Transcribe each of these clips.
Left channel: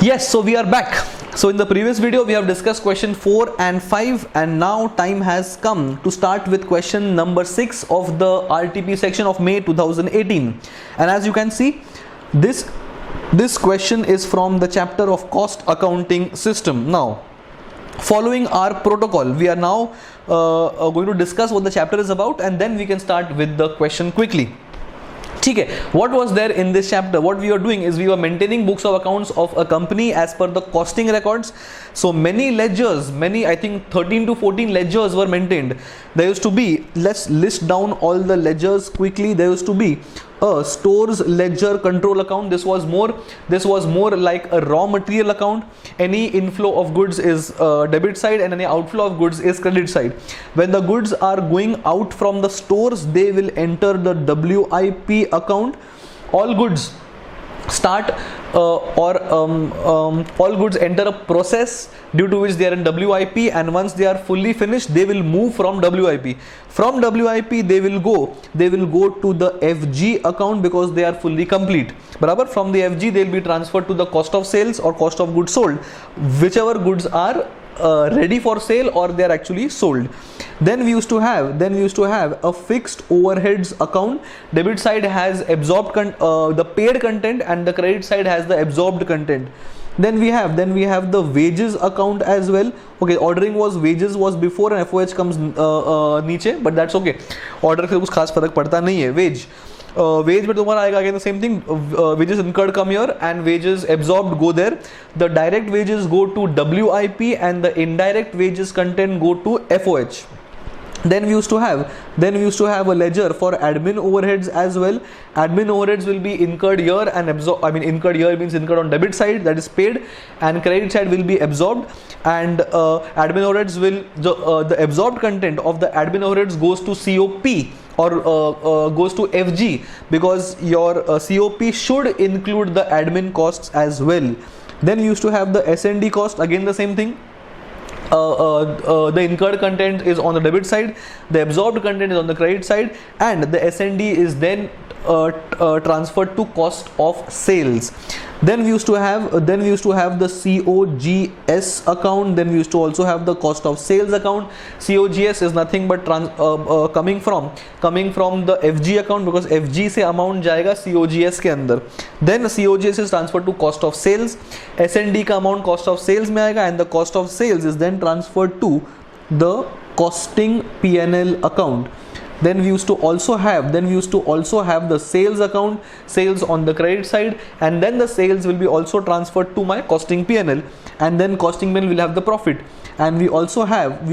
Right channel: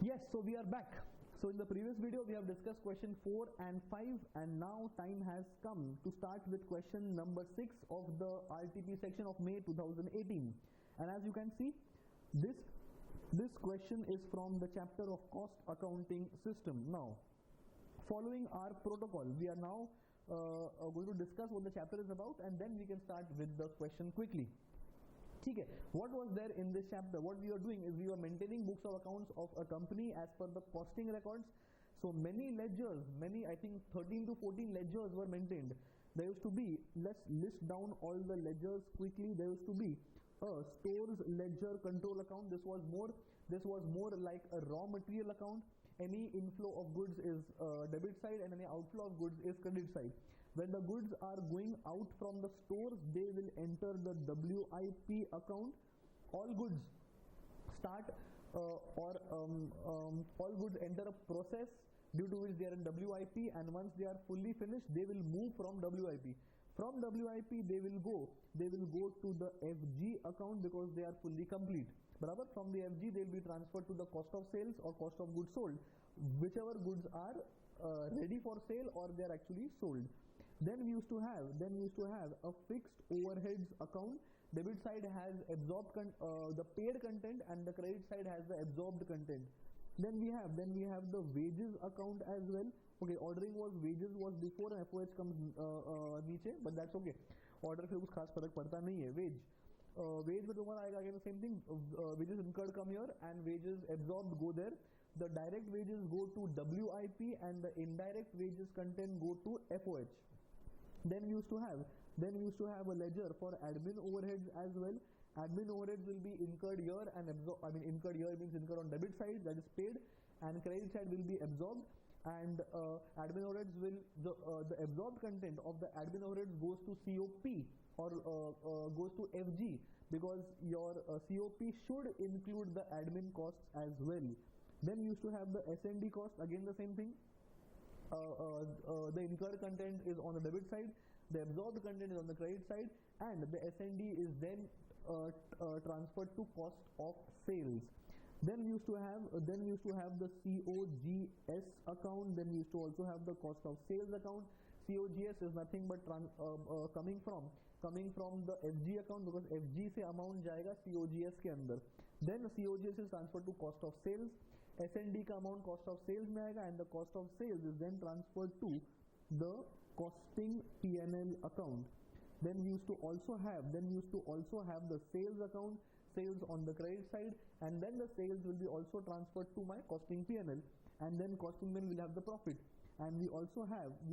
Yes, so we are back. So in the previous video we have discussed question 4 and 5, and now time has come to start with question number 6 of the RTP section of May 2018. And as you can see, this question is from the chapter of cost accounting system. Now, following our protocol, we are now going to discuss what the chapter is about, and then we can start with the question quickly. Okay, what was there in this chapter? What we were doing is we were maintaining books of accounts of a company as per the costing records. So many ledgers, I think 13 to 14 ledgers were maintained. There used to be, let's list down all the ledgers quickly. There used to be a stores ledger control account. This was more like a raw material account. Any inflow of goods is debit side and any outflow of goods is credit side. When the goods are going out from the stores, they will enter the WIP account. All goods start all goods enter a process due to which they are in WIP, and once they are fully finished, they will move from WIP. From WIP they will go to the FG account because they are fully complete. Barabar, from the FG they will be transferred to the cost of sales or cost of goods sold, whichever goods are ready for sale or they are actually sold. Then we used to have a fixed overheads account. Debit side has absorbed the paid content, and the credit side has the absorbed content. Then we have the wages account as well. Okay, ordering was wages was before and FOH comes नीचे, but that's okay. Order से कुछ खास फर्क पड़ता नहीं है. Wage में तुम्हारा आएगा again the same thing. Wages incurred come here and wages absorbed go there. The direct wages go to WIP and the indirect wages content go to FOH. Then we used to have a ledger for admin overheads as well. Admin overheads will be incurred here and absorbed. Incurred here means incurred on debit side, that is paid, and credit side will be absorbed. And admin overheads will the absorbed content of the admin overheads goes to COP or goes to FG, because your COP should include the admin costs as well. Then we used to have the S&D cost, again the same thing. The incurred content is on the debit side, the absorbed content is on the credit side, and the S&D is then transferred to cost of sales. Then we used to have the COGS account. Then we used to also have the cost of sales account. COGS is nothing but coming from the FG account, because FG से amount जाएगा COGS के अंदर. Then COGS is transferred to cost of sales. S&D का amount cost of sales में आएगा, and the cost of sales is then transferred to the costing P&L account. Then we used to also have the sales account, sales on the credit side, and then the sales will be also transferred to my costing P&L, and then costing P&L will have the profit. And we also have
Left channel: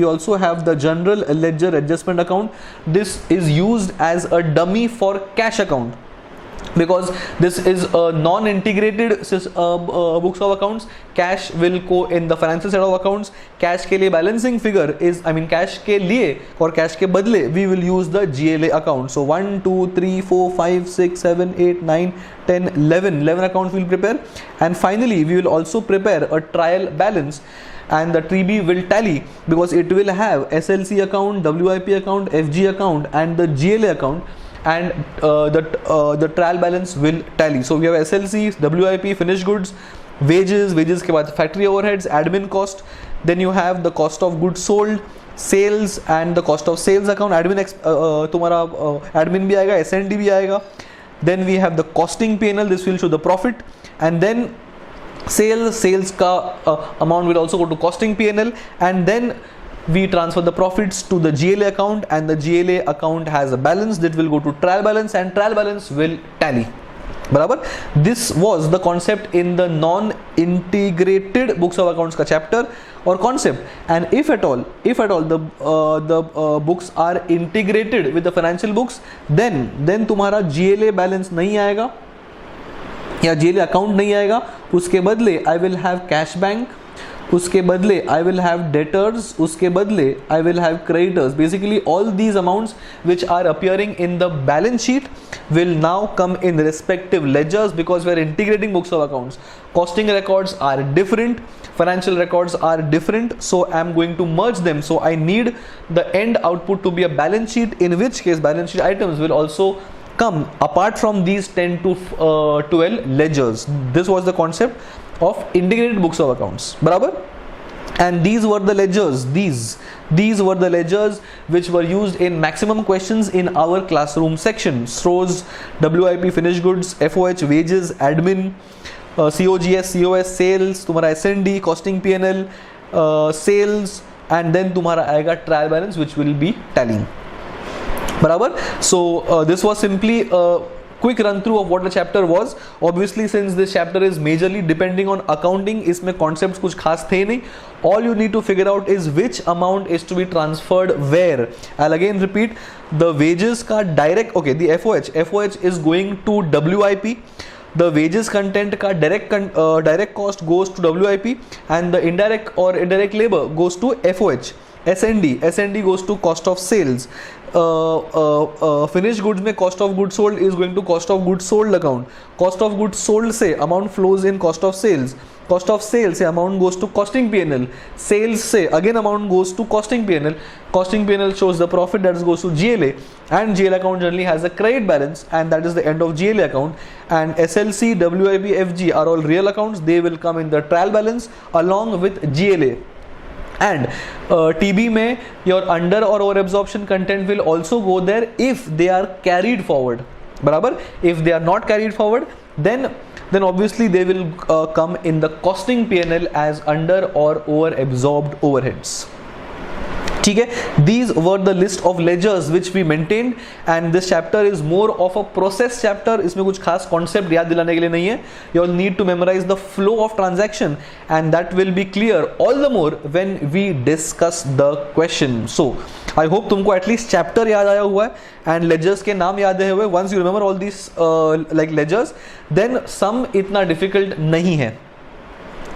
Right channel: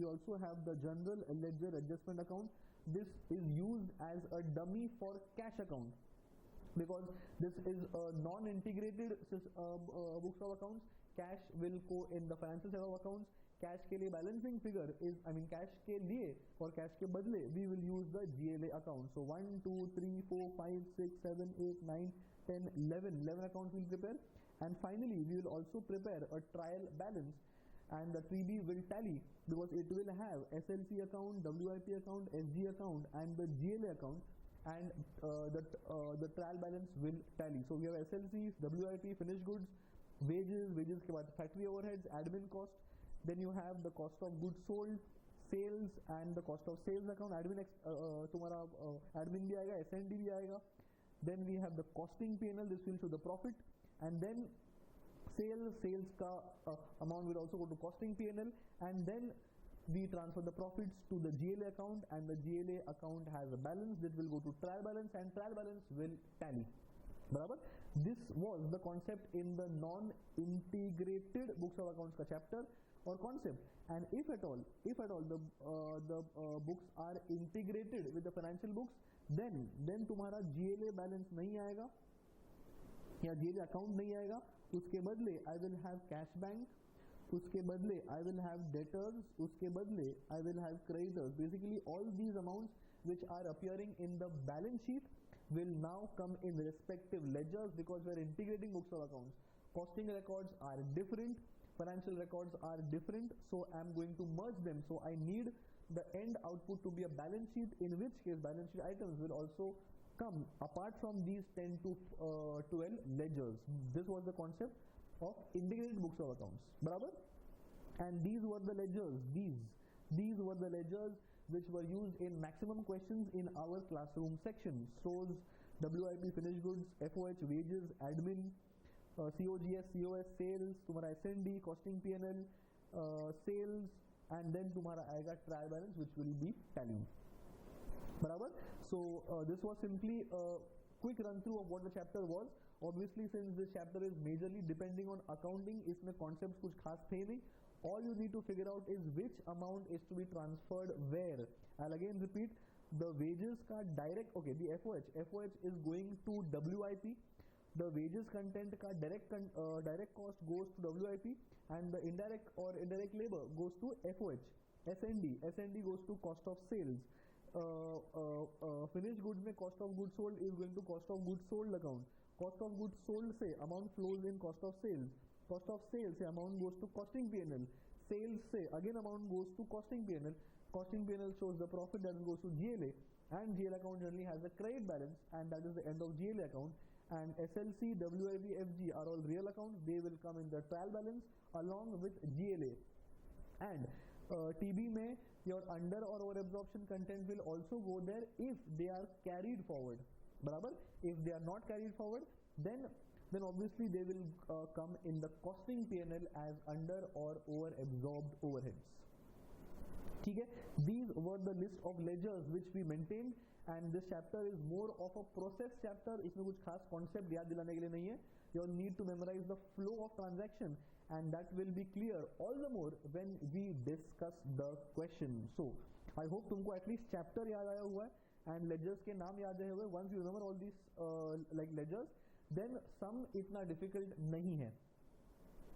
the general ledger adjustment account. This is used as a dummy for cash account, because this is a non-integrated books of accounts. Cash will go in the financial set of accounts. Cash के लिए balancing figure is, cash के लिए और cash के बदले we will use the GLA account. So 1, 2, 3, 4, 5, 6, 7, 8, 9, 10, 11 accounts we will prepare. And finally we will also prepare a trial balance, and the TB will tally, because it will have SLC account, WIP account, FG account, and the GLA account, and the trial balance will tally. So we have SLC, WIP, finished goods, wages के बाद factory overheads, admin cost. Then you have the cost of goods sold, sales, and the cost of sales account. तुम्हारा admin भी आएगा, S&D भी आएगा. Then we have the costing P&L. This will show the profit, and then sales का amount will also go to costing P&L, and then we transfer the profits to the GLA account, and the GLA account has a balance that will go to trial balance, and trial balance will tally. Barabar? This was the concept in the non-integrated books of accounts ka chapter or concept. And if at all the books are integrated with the financial books, then तुम्हारा GLA balance नहीं आएगा या GLA account नहीं आएगा. उसके बदले I will have cash bank, उसके बदले I will have debtors, उसके बदले I will have creditors. Basically all these amounts which are appearing in the balance sheet will now come in respective ledgers, because we are integrating books of accounts. Costing records are different, financial records are different, so I am going to merge them. So I need the end output to be a balance sheet, in which case balance sheet items will also come apart from these 10 to 12 ledgers. This was the concept of integrated books of accounts, barabar. And these were the ledgers, these were the ledgers which were used in maximum questions in our classroom section. Stores, WIP, finished goods, FOH, wages, admin, COGS, COS, sales, तुम्हारा S&D, costing P&L, sales, and then तुम्हारा आएगा trial balance which will be tallying, बराबर. So this was simply a quick run through of what the chapter was. Obviously since this chapter is majorly depending on accounting, इसमें concepts कुछ खास थे नहीं. All you need to figure out is which amount is to be transferred where. I'll again repeat, the wages का direct, okay, the FOH is going to WIP. The wages content का direct cost goes to WIP, and the indirect or indirect labor goes to FOH. S&D goes to cost of sales. Finished goods में cost of goods sold is going to cost of goods sold account. Cost of goods sold से amount flows in cost of sales. Cost of sales से amount goes to costing P&L. Sales से again amount goes to costing P&L. Costing P&L shows the profit that goes to GLA, and GLA account generally has a credit balance, and that is the end of GLA account. And SLC, WIP, FG are all real accounts. They will come in the trial balance along with GLA. And TB में your under or over absorption content will also go there if they are carried forward, बराबर. If they are not carried forward, then obviously they will come in the costing P&L as under or over absorbed overheads. ठीक है, these were the list of ledgers which we maintained, and this chapter is more of a process chapter. इसमें कुछ खास concept याद दिलाने के लिए नहीं है. You all need to memorize the flow of transaction, and that will be clear all the more when we discuss the question. So I hope तुमको at least chapter याद आया हुआ है and ledgers के नाम याद आए हुए. Once you remember all these like ledgers, then sum इतना difficult नहीं है.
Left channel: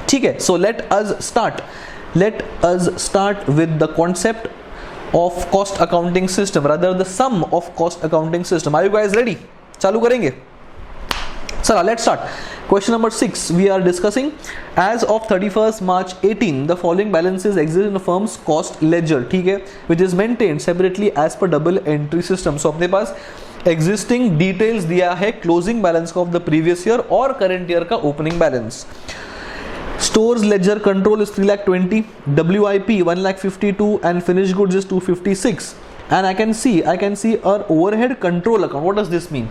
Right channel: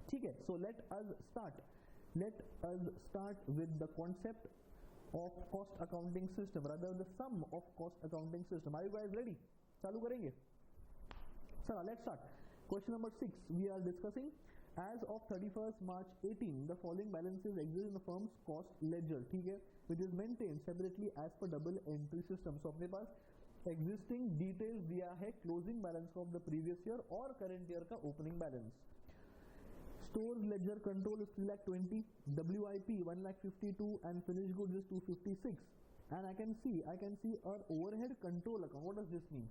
ठीक है, so let us start with the concept of cost accounting system, rather the sum of cost accounting system. Are you guys ready? चालू करेंगे. Sir, let's start. Question number 6 we are discussing. As of 31st March 18, the following balances exist in the firm's cost ledger, ठीक है, which is maintained separately as per double entry system. So अपने पास existing details दिया है closing balance of the previous year और current year का opening balance. Stores ledger control is 3,20,000, WIP 1,52,000, and finished goods is 256. And I can see our overhead control account. What does this mean?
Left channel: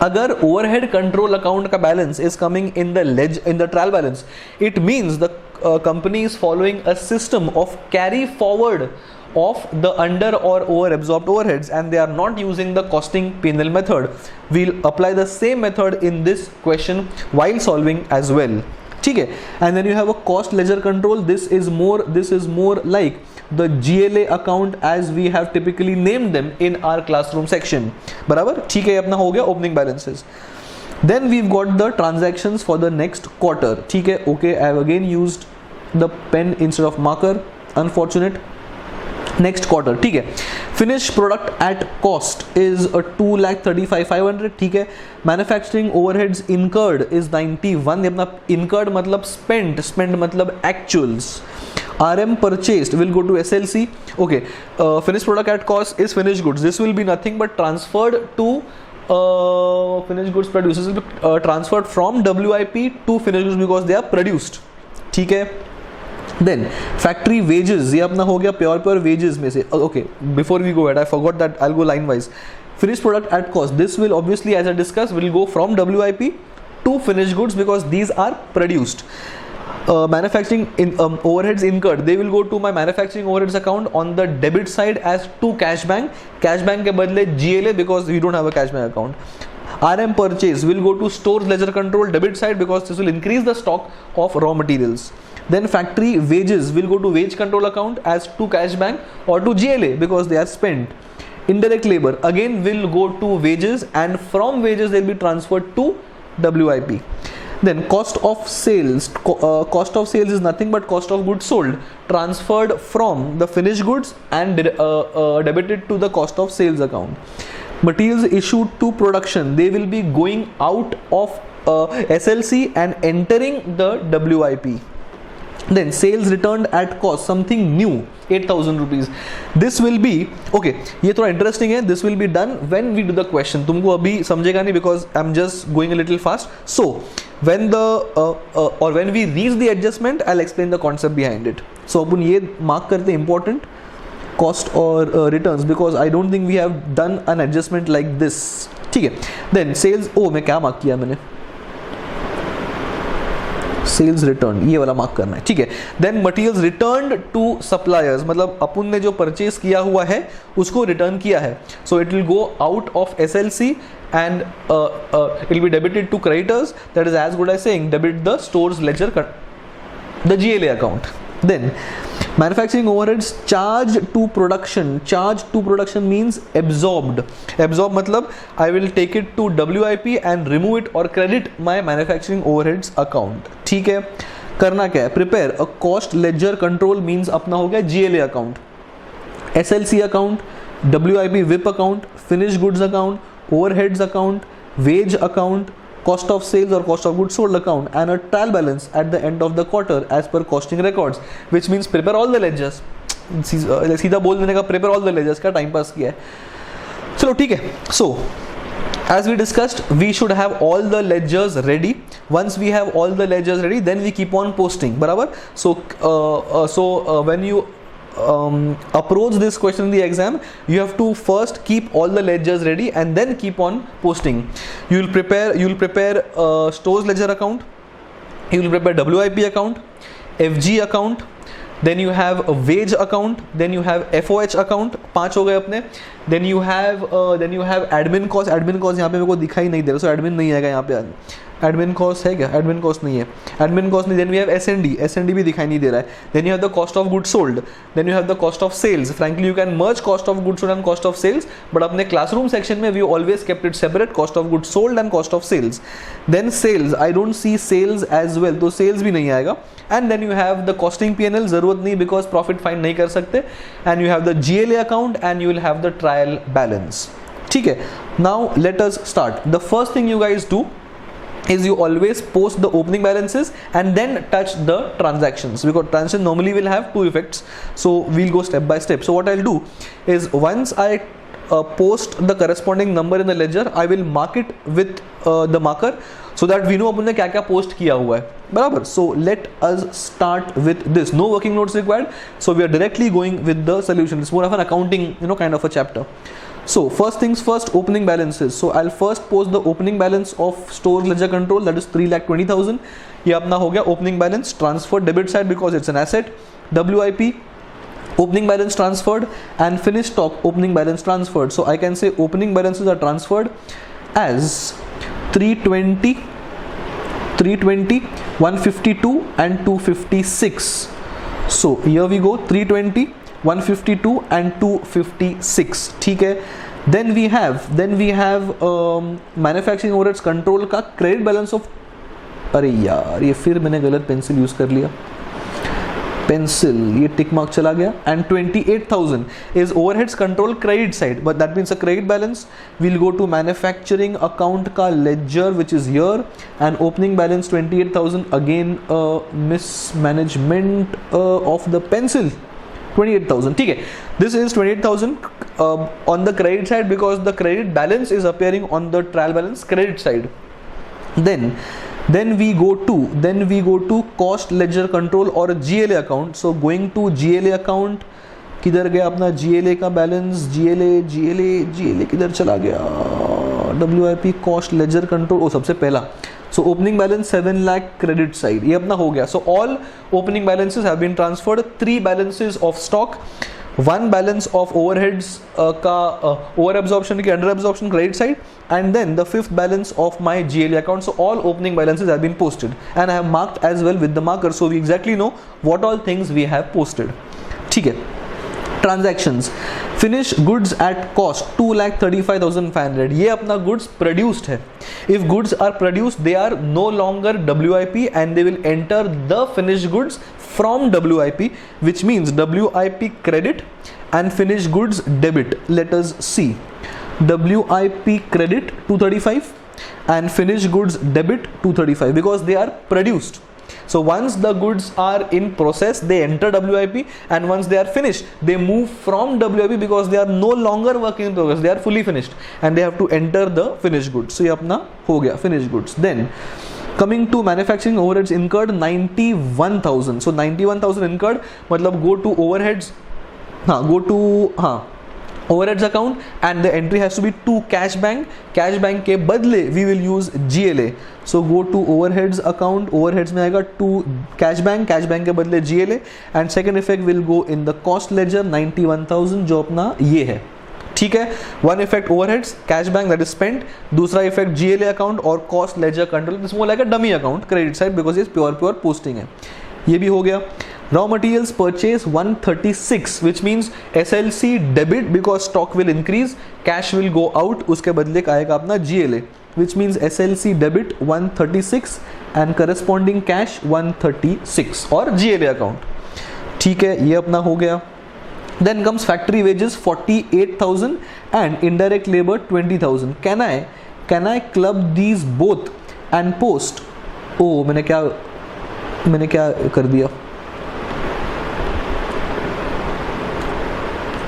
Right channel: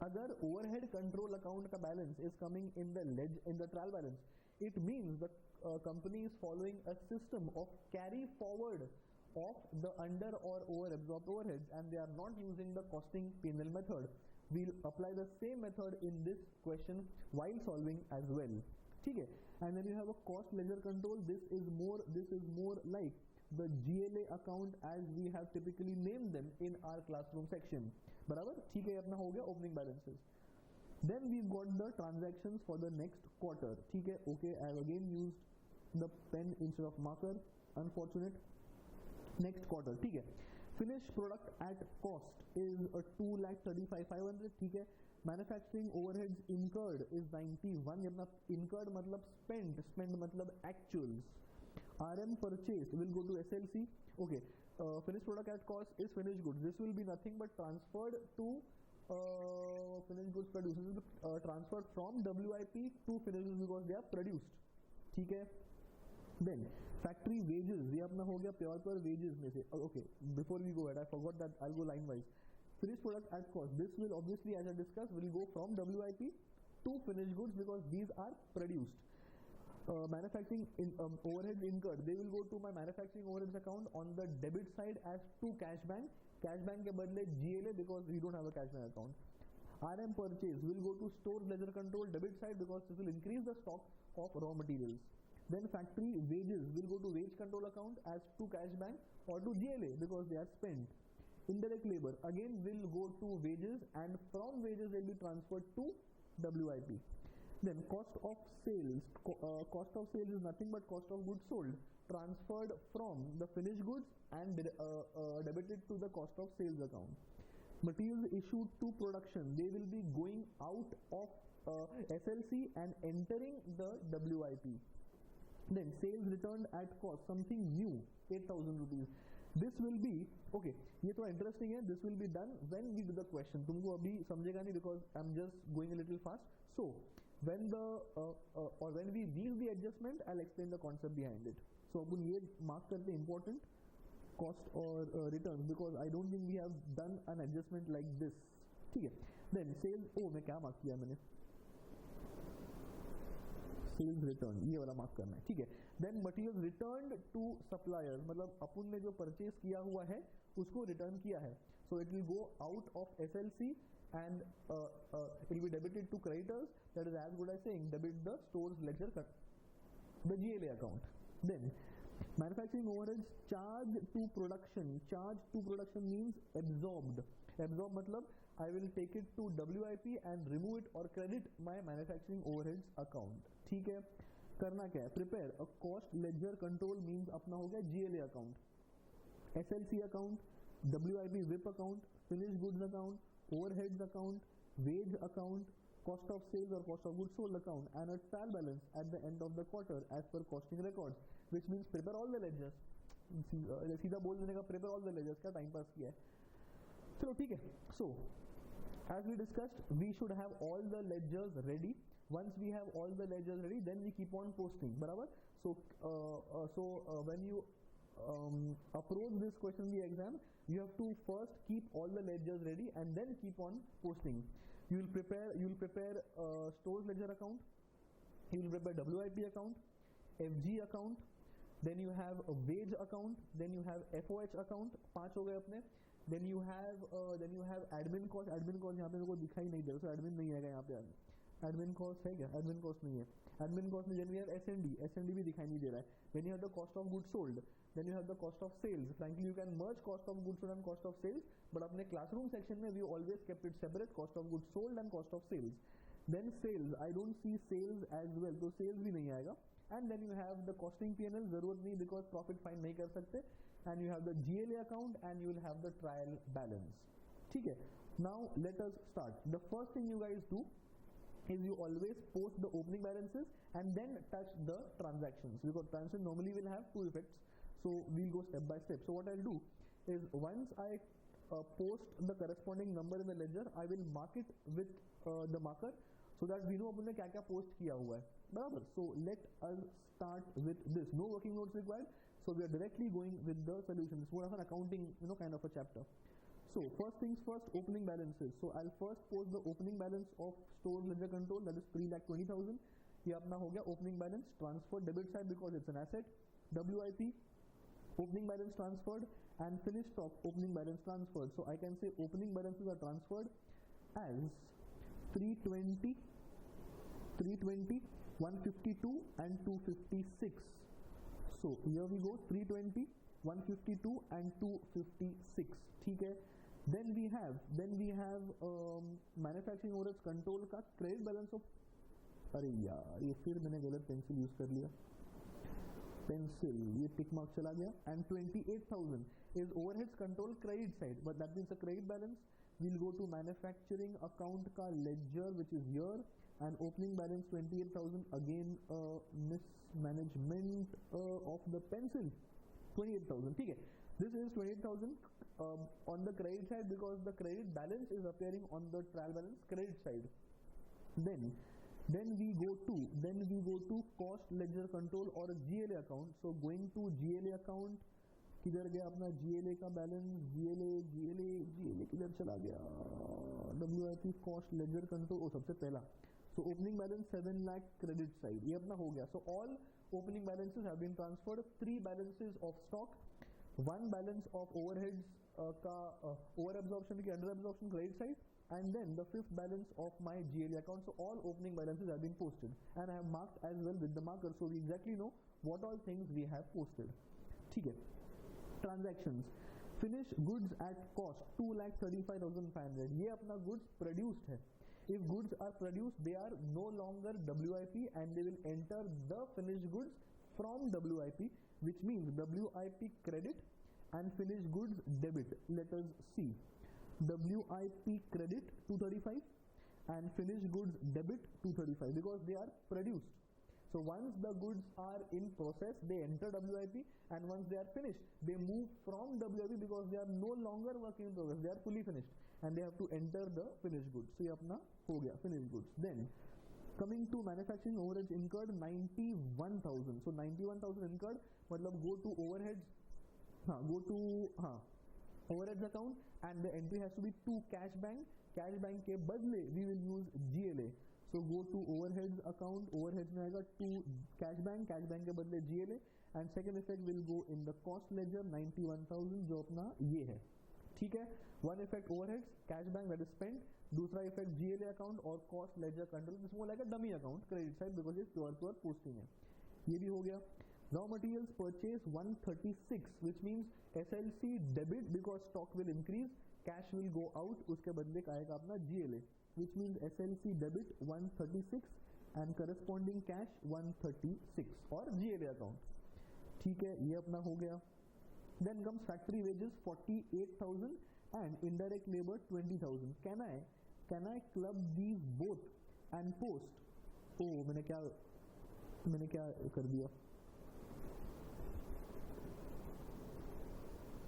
अगर overhead control account का balance is coming in the trial balance, it means the company is following a system of carry forward of the under or over absorbed overheads, and they are not using the costing P&L method. We'll apply the same method in this question while solving as well. ठीक है, and then you have a cost ledger control. This is more like the GLA account as we have typically named them in our classroom section, बराबर. ठीक है, अपना हो गया opening balances. Then we've got the transactions for the next quarter. ठीक है, okay, I have again used the pen instead of marker, unfortunate. Next quarter, ठीक है. Finished product at cost is a 2,35,500, ठीक है. Manufacturing overheads incurred is 91. ये अपना incurred मतलब spent मतलब actuals. RM purchased will go to SLC. Okay, finished product at cost is finished goods. This will be nothing but transferred to finished goods produced. This will be transferred from WIP to finished goods because they are produced. ठीक है. Then factory wages, ये अपना हो गया pure wages में से. Okay, before we go ahead, I forgot that I'll go line wise. Finished product at cost, this will obviously, as I discussed, will go from WIP to finished goods because these are produced. Manufacturing overheads incurred, they will go to my manufacturing overheads account on the debit side as to cash bank के बदले GLA because we don't have a cash bank account. RM purchase will go to stores ledger control debit side because this will increase the stock of raw materials. Then factory wages will go to wage control account as to cash bank or to GLA because they are spent. Indirect labor again will go to wages, and from wages they will be transferred to WIP. Then cost of sales is nothing but cost of goods sold transferred from the finished goods and debited to the cost of sales account. Materials issued to production, they will be going out of SLC and entering the WIP. Then sales returned at cost, something new, 8,000 rupees. This will be okay. ये थोड़ा interesting है. This will be done when we do the question. तुमको अभी समझेगा नहीं because I'm just going a little fast. So when the or when we reach the adjustment, I'll explain the concept behind it. So अपन ये mark करते हैं important cost or returns because I don't think we have done an adjustment like this. ठीक है. Then sales, मैं क्या mark किया मैंने? Sales return, ये वाला मार्क करना है, ठीक है. Then materials returned to suppliers, मतलब अपन ने जो परचेज किया हुआ है उसको रिटर्न किया है. So it will go out of SLC and it will be debited to creditors. That is as good as saying debit the store's ledger, the GLA account. Then manufacturing overheads charged to production. Charged to production means absorbed. Absorb मतलब I will take it to WIP and remove it or credit my manufacturing overheads account. ठीक है. करना क्या है? Prepare a cost ledger control means अपना हो गया GLA account, SLC account, WIP WIP account, finished goods account, overheads account, wage account, cost of sales or cost of goods sold account, and a trial balance at the end of the quarter as per costing records, which means prepare all the ledgers. सीधा बोल देने का prepare all the ledgers का time pass किया है. चलो ठीक है. So as we discussed, we should have all the ledgers ready. Once we have all the ledgers ready, then we keep on posting. बराबर. So when you approach this question in the exam, you have to first keep all the ledgers ready and then keep on posting. You will prepare stores ledger account, you will prepare WIP account, FG account, then you have a wage account, then you have FOH account. 5 हो गए अपने. Then you have admin cost. admin cost यहाँ पे मेरे को दिखाई नहीं दे रहा, so admin नहीं आएगा यहाँ पे. एडमिन कॉस्ट है क्या? एडमिन कॉस्ट नहीं है, एडमिन कॉस्ट नहीं. देन वी हैव एसएनडी भी दिखाई नहीं दे रहा है. Then you have the cost of goods sold, then you have the cost of sales. Frankly you can merge cost of goods sold and cost of sales, but अपने classroom section में we always kept it separate, cost of goods sold and cost of sales. Then sales, I don't see sales as well, तो sales भी नहीं आएगा. And then you have the costing P&L, जरूरत नहीं because profit find नहीं कर सकते. And you have the GLA account and you will have the trial balance. ठीक है. Now let us start. The first thing you guys do is you always post the opening balances and then touch the transactions, because transaction normally will have 2 effects. So we'll go step by step. So what I'll do is once I post the corresponding number in the ledger, I will mark it with the marker so that we know अपन ने क्या क्या post किया हुआ है. बराबर. So let us start with this. No working notes required. So we are directly going with the solution. It's more of an accounting, kind of a chapter. So first things first, opening balances. So I'll first post the opening balance of stores ledger control, that is 3,20,000. ये अपना हो गया opening balance transferred debit side because it's an asset. WIP opening balance transferred and finished stock opening balance transferred. So I can say opening balances are transferred as 320, 152 and 256. So here we go, 320, 152 and 256. ठीक है. Then we have manufacturing overheads control का credit balance of, अरे यार ये फिर मैंने गलत pencil use कर लिया. पेंसिल, ये टिक मार्क चला गया. And 28,000 is overheads control credit side, but that means a credit balance. We'll go to manufacturing account का ledger which is here, and opening balance 28,000. Again mismanagement of the pencil. 28,000. ठीक है. This is 28,000 on the credit side because the credit balance is appearing on the trial balance credit side. Then we go to cost ledger control or GLA account. So going to GLA account, किधर गया अपना GLA का balance? GLA किधर चला गया? WIP cost ledger control, ओ सबसे पहला. So opening balance 7 lakh credit side, ये अपना हो गया. So all opening balances have been transferred. 3 balances of stock, 1 balance of overheads का over absorption की under absorption credit side, and then the 5th balance of my GLA account. So all opening balances have been posted and I have marked as well with the marker, so we exactly know what all things we have posted. ठीक है. Transactions, finished goods at cost 2,35,500. ये अपना goods produced है. If goods are produced, they are no longer WIP and they will enter the finished goods from WIP, which means WIP credit and finished goods debit. Let us see. WIP credit 235 and finished goods debit 235 because they are produced. So once the goods are in process, they enter WIP, and once they are finished, they move from WIP because they are no longer work in progress, they are fully finished and they have to enter the finished goods. So ये अपना हो गया finished goods. Then coming to manufacturing overheads incurred 91,000. So 91,000 incurred, मतलब go to overheads, overheads account, and the entry has to be to cash bank. Cash bank के बदले we will use GLA. So go to overheads account, overheads में आएगा to cash bank के बदले GLA, and second effect will go in the cost ledger 91,000 जो अपना ये है, ठीक है. One effect overheads cash bank that is spent, दूसरा इफेक्ट जीएलए अकाउंट और cost ledger control, this more like a dummy account credit side because is pure posting है. ये भी हो गया. Raw materials purchase 136 which means SLC debit because stock will increase, cash will go out, उसके बदले का आएगा अपना GLA which means SLC debit 136 and corresponding cash 136 और जीएलए अकाउंट, ठीक है. ये अपना हो गया. Then comes factory wages 48,000 and indirect labor 20,000. Can I club these both and post? Oh, मैंने क्या कर दिया?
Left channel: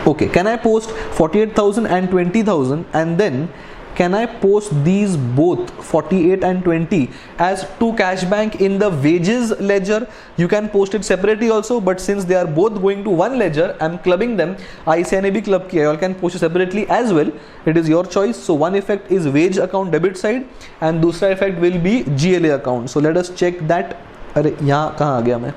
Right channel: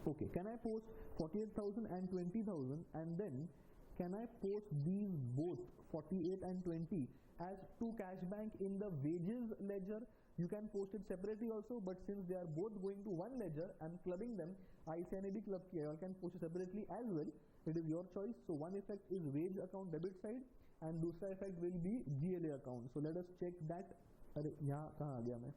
Okay, can I post 48,000 and 20,000 and then can I post these both 48 and 20 as to cash bank in the wages ledger? You can post it separately also, but since they are both going to one ledger, I'm clubbing them. ICI ने भी club किया, you all can post it separately as well. It is your choice. So one effect is wage account debit side and दूसरा effect will be GLA account. So let us check that. अरे यहाँ कहाँ आ गया मैं?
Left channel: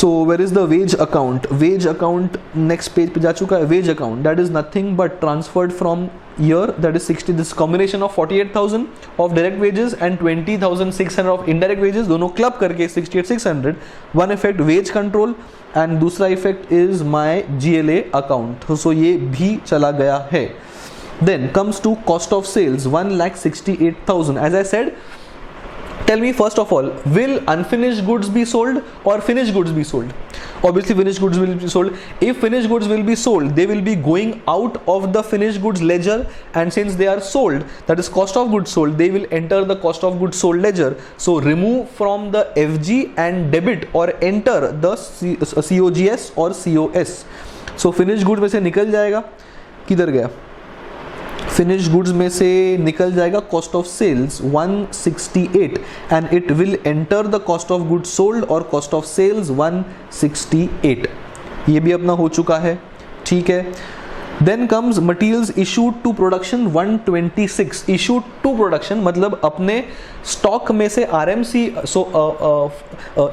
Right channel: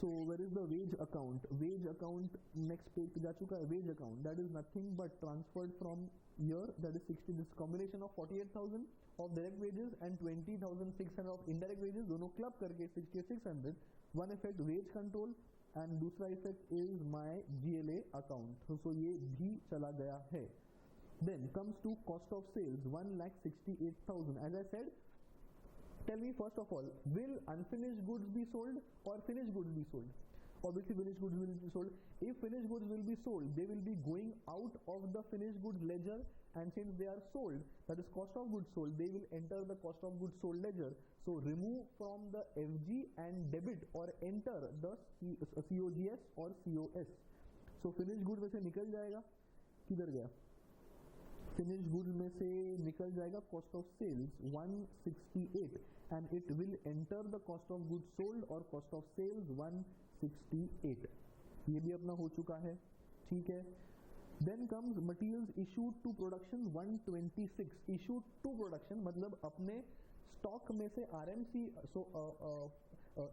So where is the wage account? Wage account next page पे जा चुका है. Wage account that is nothing but transferred from here, that is 60. This combination of 48,000 of direct wages and 20,600 of indirect wages, दोनों club करके 68,600. One effect wage control and दूसरा effect is my GLA account. So ये भी चला गया है. Then comes to cost of sales 1,68,000. As I said, tell me first of all, will unfinished goods be sold or finished goods be sold? Obviously finished goods will be sold. If finished goods will be sold, they will be going out of the finished goods ledger, and since they are sold, that is cost of goods sold, they will enter the cost of goods sold ledger. So remove from the FG and debit or enter the COGS or COS. So finished goods में से निकल जाएगा, किधर गया? Finish goods में से निकल जाएगा cost of sales 168 and it will enter the cost of goods sold और कॉस्ट ऑफ सेल्स 168. ये भी अपना हो चुका है, ठीक है. Then comes materials issued to production 126. Issued to production मतलब अपने स्टॉक में से RMC, so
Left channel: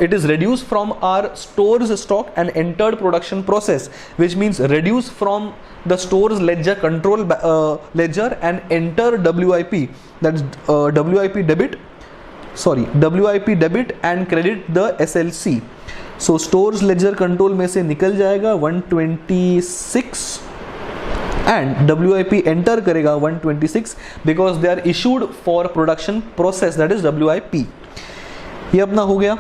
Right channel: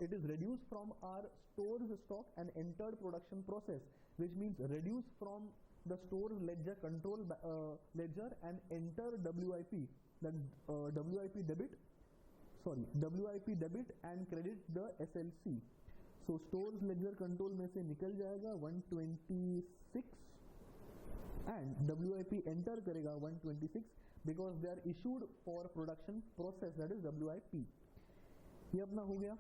it is reduced from our stores stock and entered production process, which means reduce from the store's ledger control ledger and enter WIP, that is WIP debit and credit the SLC. So stores ledger control में से निकल जाएगा 126 and WIP enter करेगा 126 because they are issued for production process, that is WIP. ये अपना हो गया.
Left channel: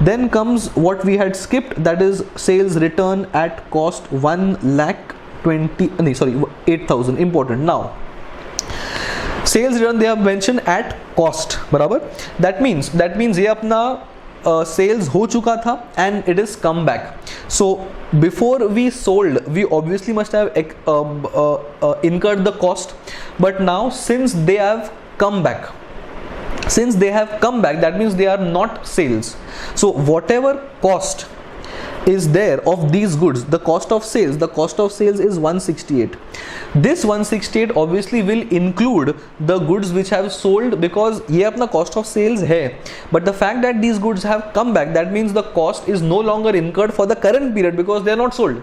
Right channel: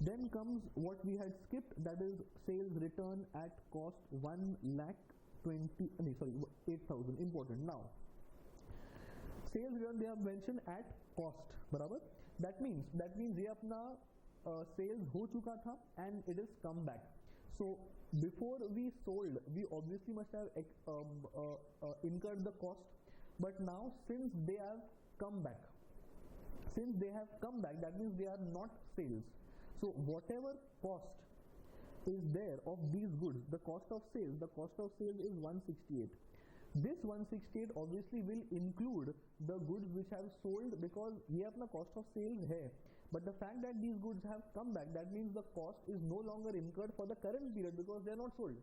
Then comes what we had skipped, that is sales return at cost 8,000. important. Now sales return they have mentioned at cost, बराबर. that means ये अपना sales हो चुका था and it is come back. So before we sold, we obviously must have incurred the cost, but now since they have come back, that means they are not sales. So whatever cost is there of these goods, the cost of sales is 168. This 168 obviously will include the goods which have sold because ये अपना cost of sales है, but the fact that these goods have come back, that means the cost is no longer incurred for the current period because they are not sold.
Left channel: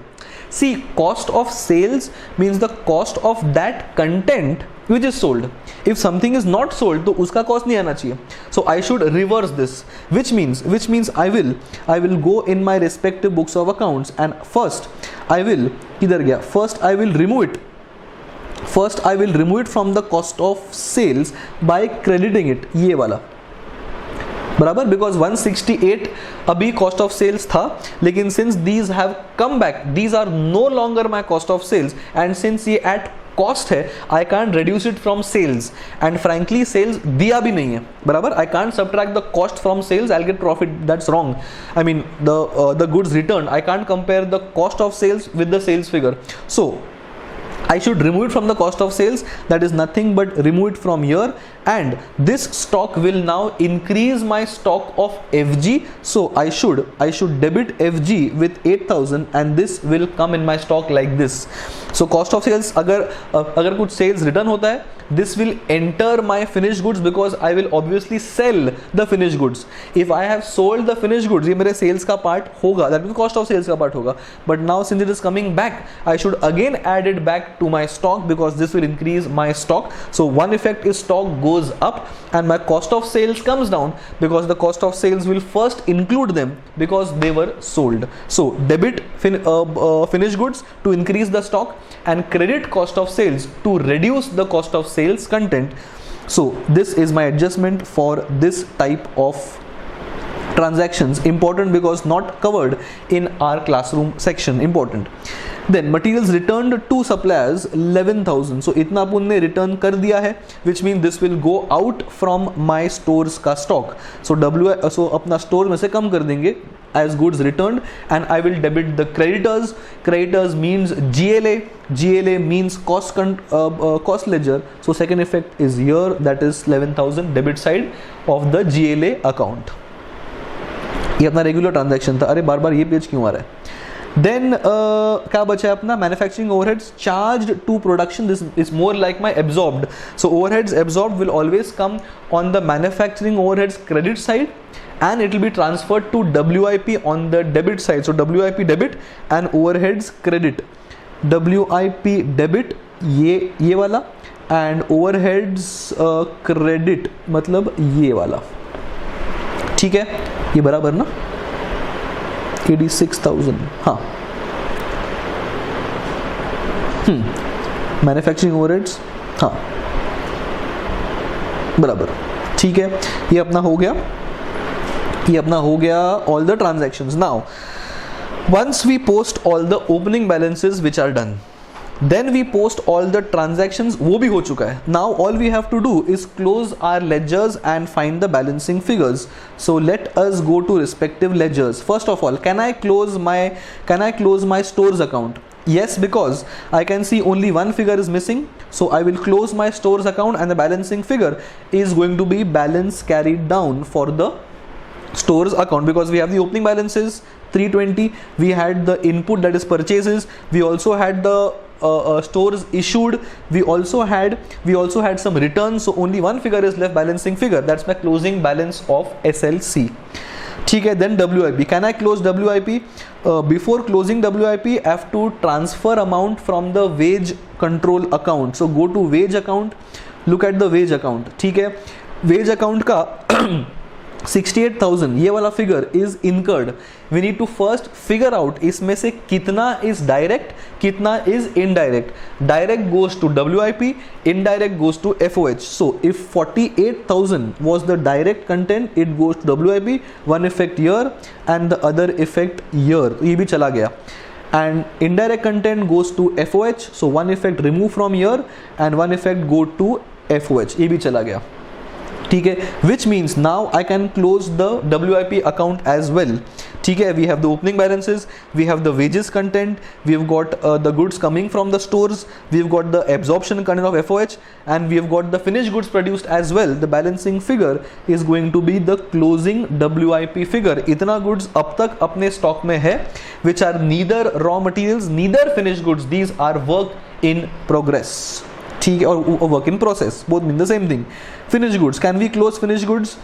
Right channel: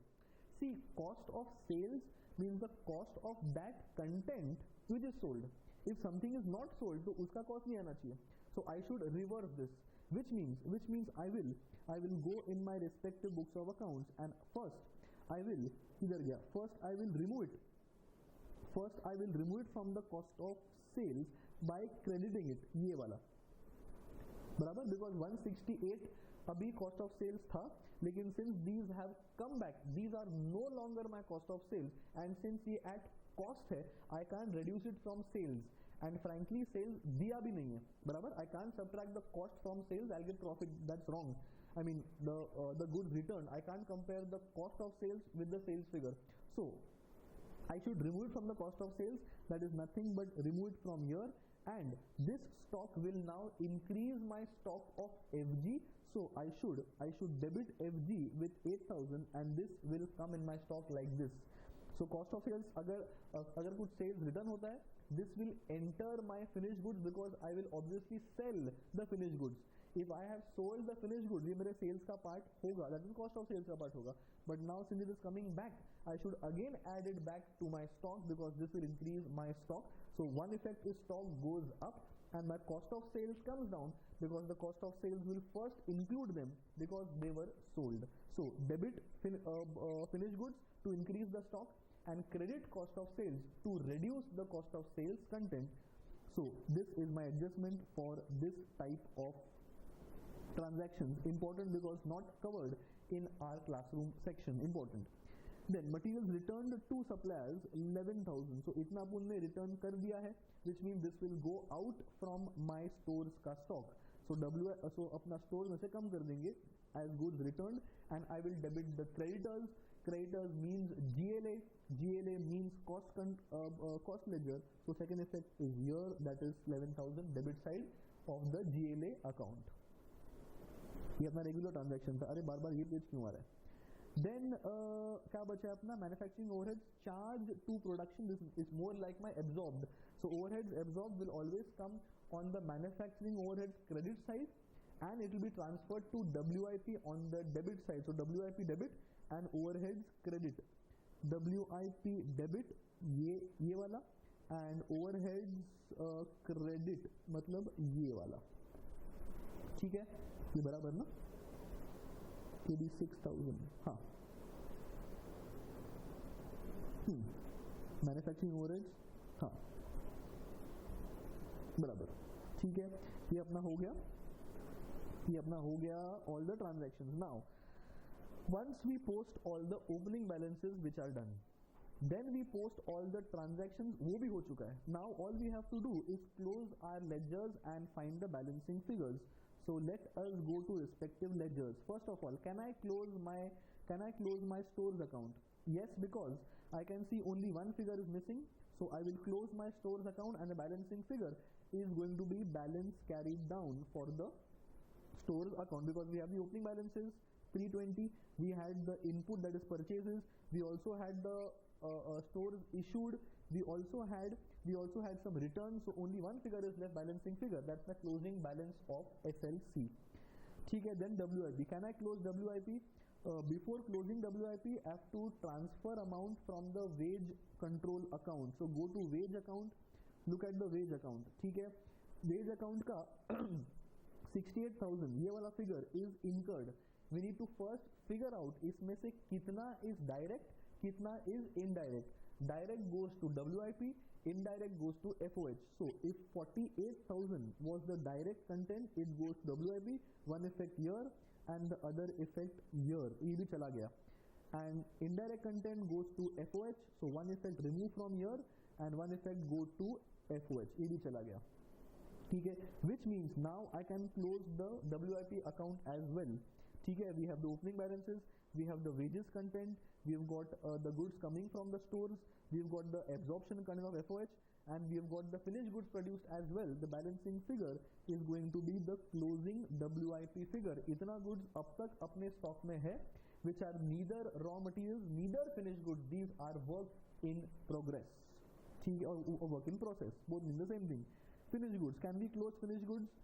See, cost of sales means the cost of that content which is sold. If something is not sold तो उसका cost नहीं आना चाहिए. So I should reverse this, which means I will go in my respective books of accounts and first I will किधर गया? First I will remove it from the cost of sales by crediting it, ये वाला, बराबर. Because 168 अभी cost of sales था, लेकिन since these have come back, these are no longer my cost of sales, and since ये at cost है I can reduce it from sales, and frankly sales दिया भी नहीं है, बराबर. I can subtract the cost from sales, I get profit, that's wrong. I mean the goods return, I can compare the cost of sales with the sales figure. So I should remove it from the cost of sales, that is nothing but remove it from here, and this stock will now increase my stock of FG. So I should debit FG with 8,000 and this will come in my stock like this. So cost of sales, अगर कुछ sales return होता है, this will enter my finished goods because I will obviously sell the finished goods. If I have sold the finished goods, ये मेरे sales का part होगा, that means cost of sales का part होगा. But now since it is coming back, I should again add it back to my stock because this will increase my stock. So one effect is stock goes up and my cost of sales comes down because the cost of sales will first include them because they were sold. So debit finished goods to increase the stock and credit cost of sales to reduce the cost of sales content. So this is my adjustment for this type of transactions. Important because not covered in our classroom section. Important. Then materials returned to suppliers 11,000. So इतना अपन ने return कर दिया है, which means this will go out from my stores का stock. So अपना store में से कम कर देंगे as goods returned, and I will debit the creditors. Creditors means GLA. GLA means cost ledger. So second effect is here, that is 11,000 debit side of the GLA account. ये अपना regular transaction था. अरे बार बार ये page क्यों आ रहा है? Then क्या बचा है अपना manufacturing overheads charged to production. This is more like my absorbed. So overheads absorbed will always come on the manufacturing overheads credit side and it will be transferred to WIP on the debit side. So WIP debit and overheads credit. WIP debit ये वाला and overheads credit मतलब ये वाला. ठीक है, ये बराबर ना? 86,000. हाँ, मैन्युफैक्चरिंग ओवरहेड्स, हाँ बराबर. ठीक है, ये अपना हो गया, ये अपना हो गया all the transactions. Now once we post all the opening balances which are done, then we post all the transactions, वो भी हो चुका है. Now all we have to do is close our ledgers and find the balancing figures. So let us go to respective ledgers. First of all, can I close my stores account? Yes, because I can see only one figure is missing. So I will close my stores account and the balancing figure is going to be balance carried down for the stores account because we have the opening balances 320, we had the input that is purchases, we also had the stores issued, we also had some returns. So only one figure is left, balancing figure. That's my closing balance of SLC. ठीक है. Then WIP, can I close WIP? Before closing WIP, I have to transfer amount from the wage control account. So go to wage account, look at the wage account. ठीक है, wage account का 68,000 ये वाला figure is incurred. We need to first figure out इसमें से कितना is direct, कितना is indirect. Direct goes to WIP, indirect goes to FOH. So if 48,000 was the direct content, it goes to WIP, one effect here and the other effect here. ये भी चला गया. And indirect content goes to FOH, so one effect remove from here and one effect go to FOH. ये भी चला गया. ठीक है, which means now I can close the WIP account as well. ठीक है, we have the opening balances, we have the wages content, we have got the goods coming from the stores, we have got the absorption content of FOH and we have got the finished goods produced as well. The balancing figure is going to be the closing WIP figure. इतना goods अब तक अपने stock में है which are neither raw materials, neither finished goods. These are work in progress. ठीक है, और work in process, both mean the same thing. Finished goods, can we close finished goods?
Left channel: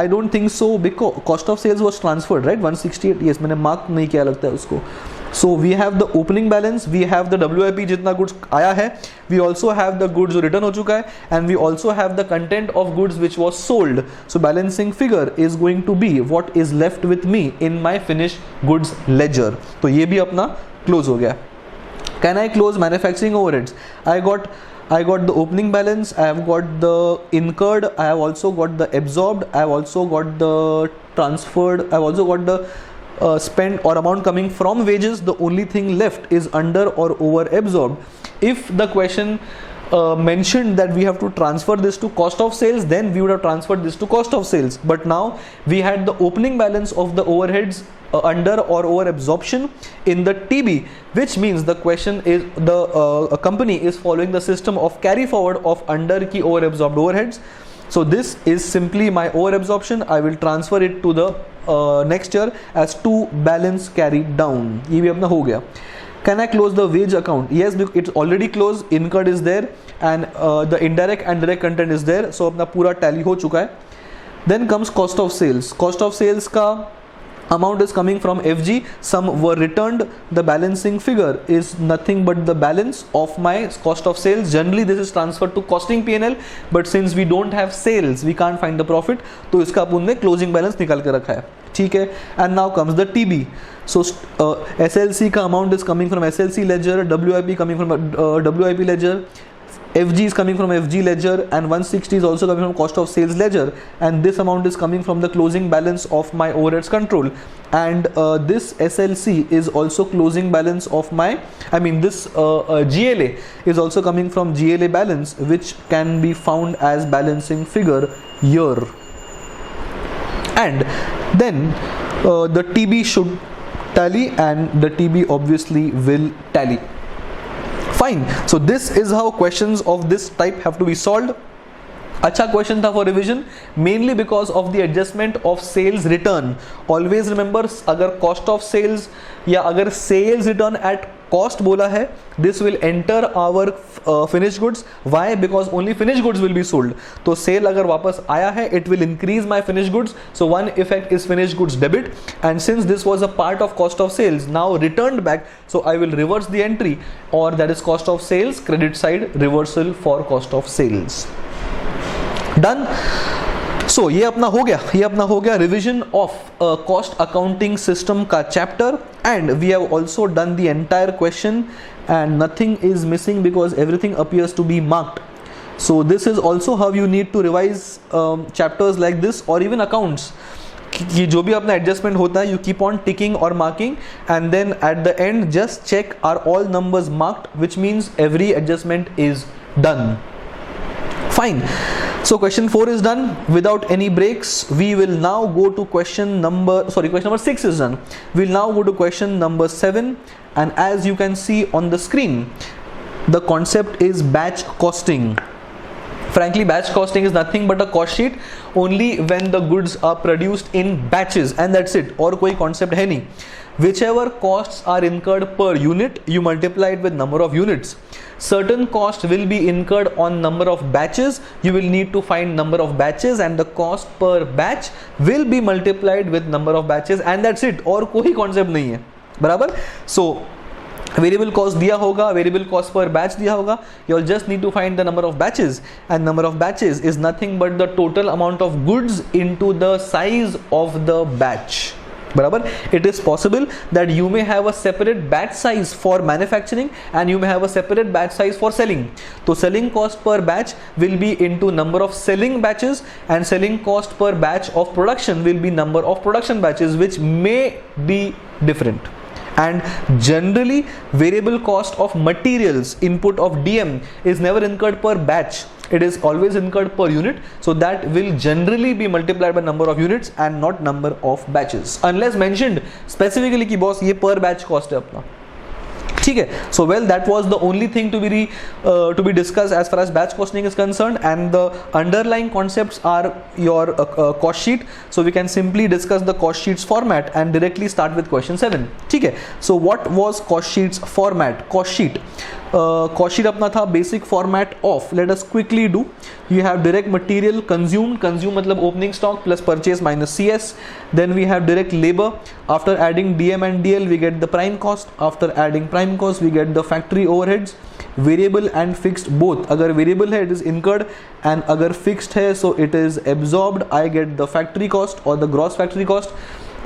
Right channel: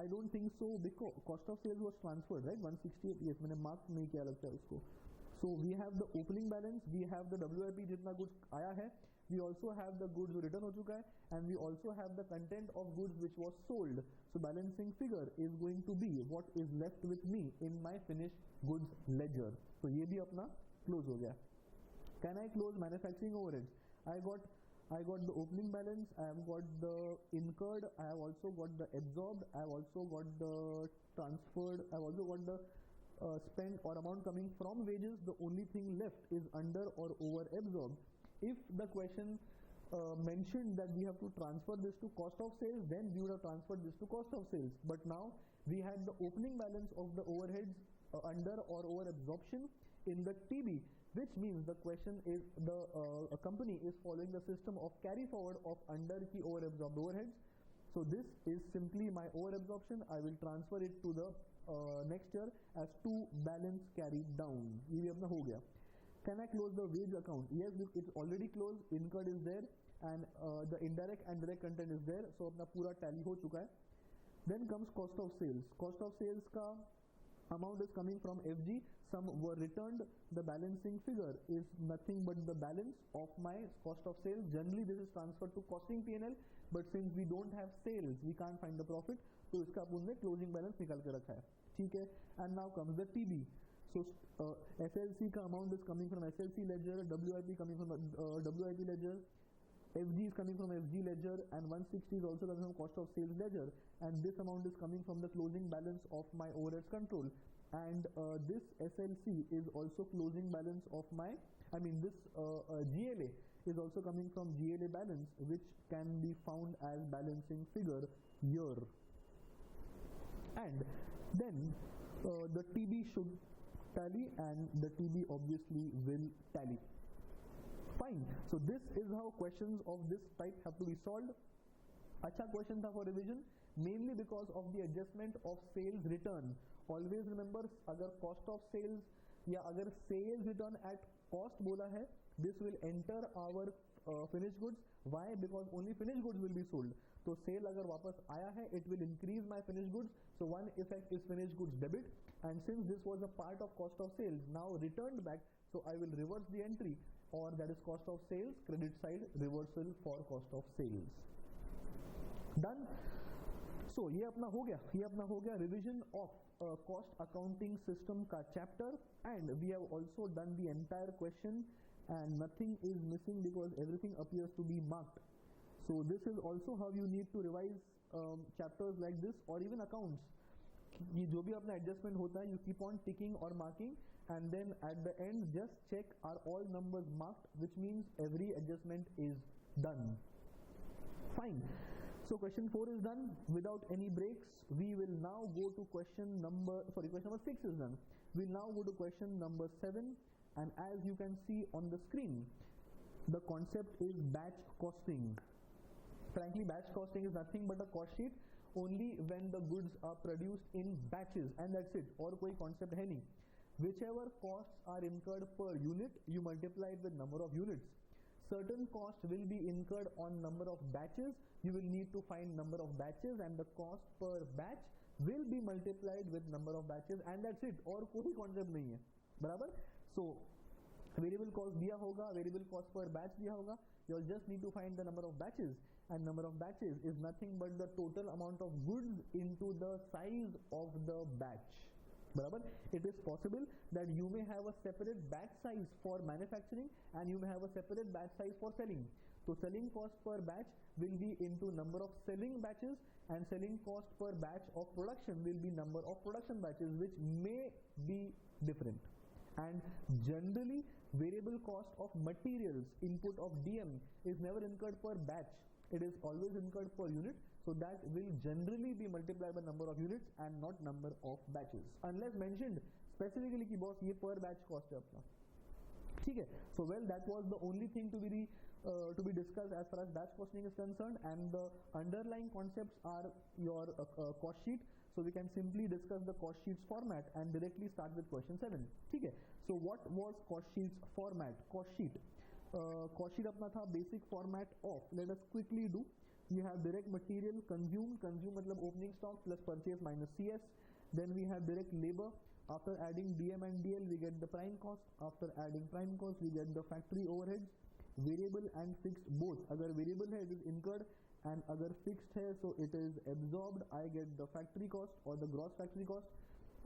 I don't think so because cost of sales was transferred, right? 168, yes, मैंने mark नहीं किया लगता है उसको. So we have the opening balance, we have the WIP जितना goods आया है, we also have the goods जो return हो चुका है, and we also have the content of goods which was sold. So balancing figure is going to be what is left with me in my finished goods ledger. तो ये भी अपना close हो गया. Can I close manufacturing overheads? I got the opening balance, I have got the incurred, I have also got the absorbed, I have also got the transferred, I have also got the spent or amount coming from wages, the only thing left is under or over absorbed. If the question mentioned that we have to transfer this to cost of sales, then we would have transferred this to cost of sales. But now we had the opening balance of the overheads under or over absorption in the TB, which means the question is the company is following the system of carry forward of under ki over absorbed overheads. So this is simply my over absorption. I will transfer it to the next year as to balance carried down. ये भी अपना हो गया. Can I close the wage account? Yes, it's already closed. Incurred is there and the indirect and direct content is there. So अपना पूरा tally हो चुका है. Then comes cost of sales. Cost of sales का amount is coming from FG. Some were returned. The balancing figure is nothing but the balance of my cost of sales. Generally this is transferred to costing P&L, but since we don't have sales, we can't find the profit. तो इसका अपन ने closing balance निकाल के रखा है. ठीक है. And now comes the TB. So SLC का amount is coming from SLC ledger, WIP coming from WIP ledger, FG is coming from FG ledger, and 160 is also coming from cost of sales ledger, and this amount is coming from the closing balance of my overheads control, and this SLC is also closing balance of my, I mean this GLA is also coming from GLA balance, which can be found as balancing figure here. And then the TB should tally, and the TB obviously will tally. Fine. So this is how questions of this type have to be solved. अच्छा question था for revision, mainly because of the adjustment of sales return. Always remember, अगर cost of sales या अगर sales return at cost बोला है, this will enter our finish goods. Why? Because only finish goods will be sold. तो sale अगर वापस आया है, it will increase my finish goods. So one effect is finish goods debit, and since this was a part of cost of sales, now return back, so I will reverse the entry, और that is cost of sales, credit side reversal for cost of sales. Done. So ये अपना हो गया revision of cost accounting system का chapter, and we have also done the entire question and nothing is missing because everything appears to be marked. So this is also how you need to revise chapters like this और even accounts, कि जो भी अपना adjustment होता है, you keep on ticking और marking, and then at the end just check are all numbers marked, which means every adjustment is done. Fine. So question 4 is done without any breaks. We will now go to question number 6 is done. We'll now go to question number 7, and as you can see on the screen, the concept is batch costing. Frankly, batch costing is nothing but a cost sheet only when the goods are produced in batches, and that's it. और कोई concept है नहीं. Whichever costs are incurred per unit, you multiply it with number of units. Certain cost will be incurred on number of batches. You will need to find number of batches, and the cost per batch will be multiplied with number of batches, and that's it. और कोई concept नहीं है, बराबर. So variable cost दिया होगा, variable cost per batch दिया होगा, you all just need to find the number of batches, and number of batches is nothing but the total amount of goods into the size of the batch. बराबर. It is possible that you may have a separate batch size for manufacturing and you may have a separate batch size for selling. So selling cost per batch will be into number of selling batches, and selling cost per batch of production will be number of production batches, which may be different. And generally variable cost of materials input of DM is never incurred per batch. It is always incurred per unit, so that will generally be multiplied by number of units and not number of batches, unless mentioned specifically कि boss ये per batch cost है अपना. ठीक है. So well, that was the only thing to be discussed as far as batch costing is concerned, and the underlying concepts are your cost sheet. So we can simply discuss the cost sheets format and directly start with question 7. ठीक है. So what was cost sheets format? Cost sheet अपना था basic format of, let us quickly do. You have direct material consumed मतलब opening stock plus purchase minus CS. Then we have direct labor. After adding DM and DL we get the prime cost. After adding prime cost we get the factory overheads. Variable and fixed both. अगर variable है it is incurred, and अगर fixed है so it is absorbed. I get the factory cost or the gross factory cost.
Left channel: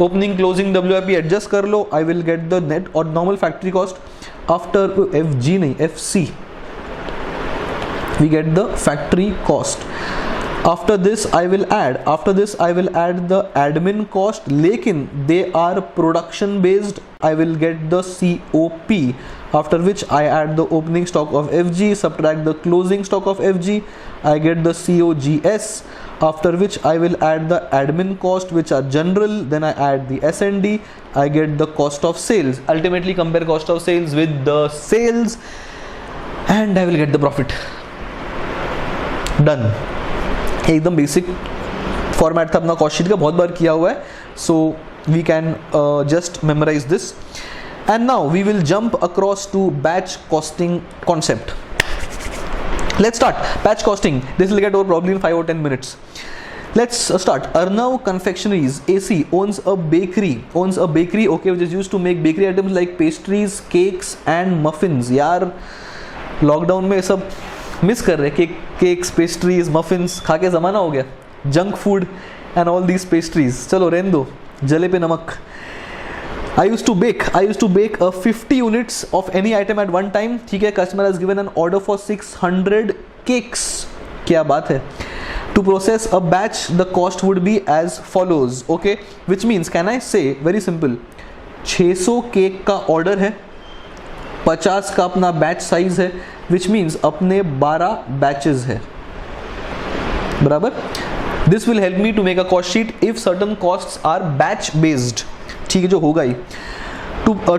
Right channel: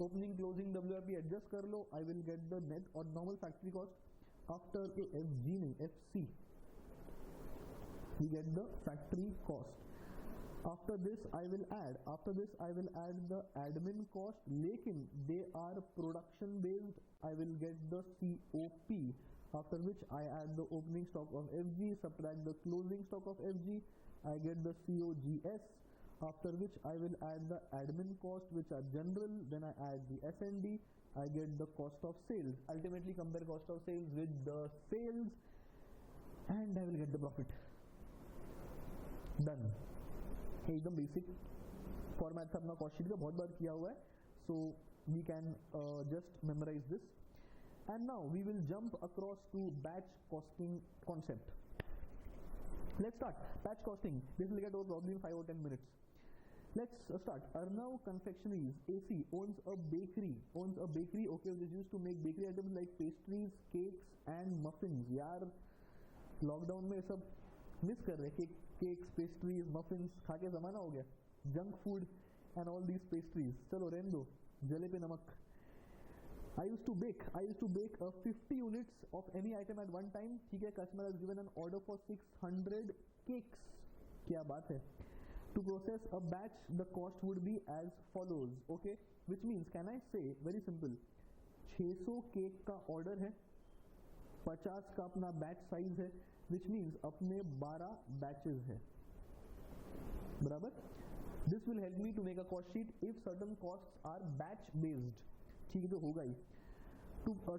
Opening closing WIP adjust कर लो, I will get the net or normal factory cost. After FG नहीं FC, we get the factory cost. After this I will add the admin cost, लेकिन they are production based, I will get the COP, after which I add the opening stock of FG, subtract the closing stock of FG, I get the COGS, after which I will add the admin cost which are general, then I add the S&D, I get the cost of sales. Ultimately compare cost of sales with the sales and I will get the profit. Done. एकदम basic format था अपना cost sheet का, बहुत बार किया हुआ है, so we can just memorise this. And now we will jump across to batch costing concept. Let's start batch costing. This will get over probably in 5 or 10 minutes. Let's start. Arnav Confectioneries AC owns a bakery, okay, which is used to make bakery items like pastries, cakes and muffins. यार lockdown में सब miss कर रहे, cakes, pastries, muffins खा के ज़माना हो गया, junk food and all these pastries. चलो रहने दो, जले पे नमक. I used to bake 50 units of any item at one time. ठीक है, customer has given an order for 600 cakes. क्या बात है. To process a batch, the cost would be as follows. Okay, which means can I say very simple, 600 cake का order है, 50 का अपना batch size है, which means अपने 12 batches है, बराबर. This will help me to make a cost sheet if certain costs are batch based. ठीक है, जो होगा ही.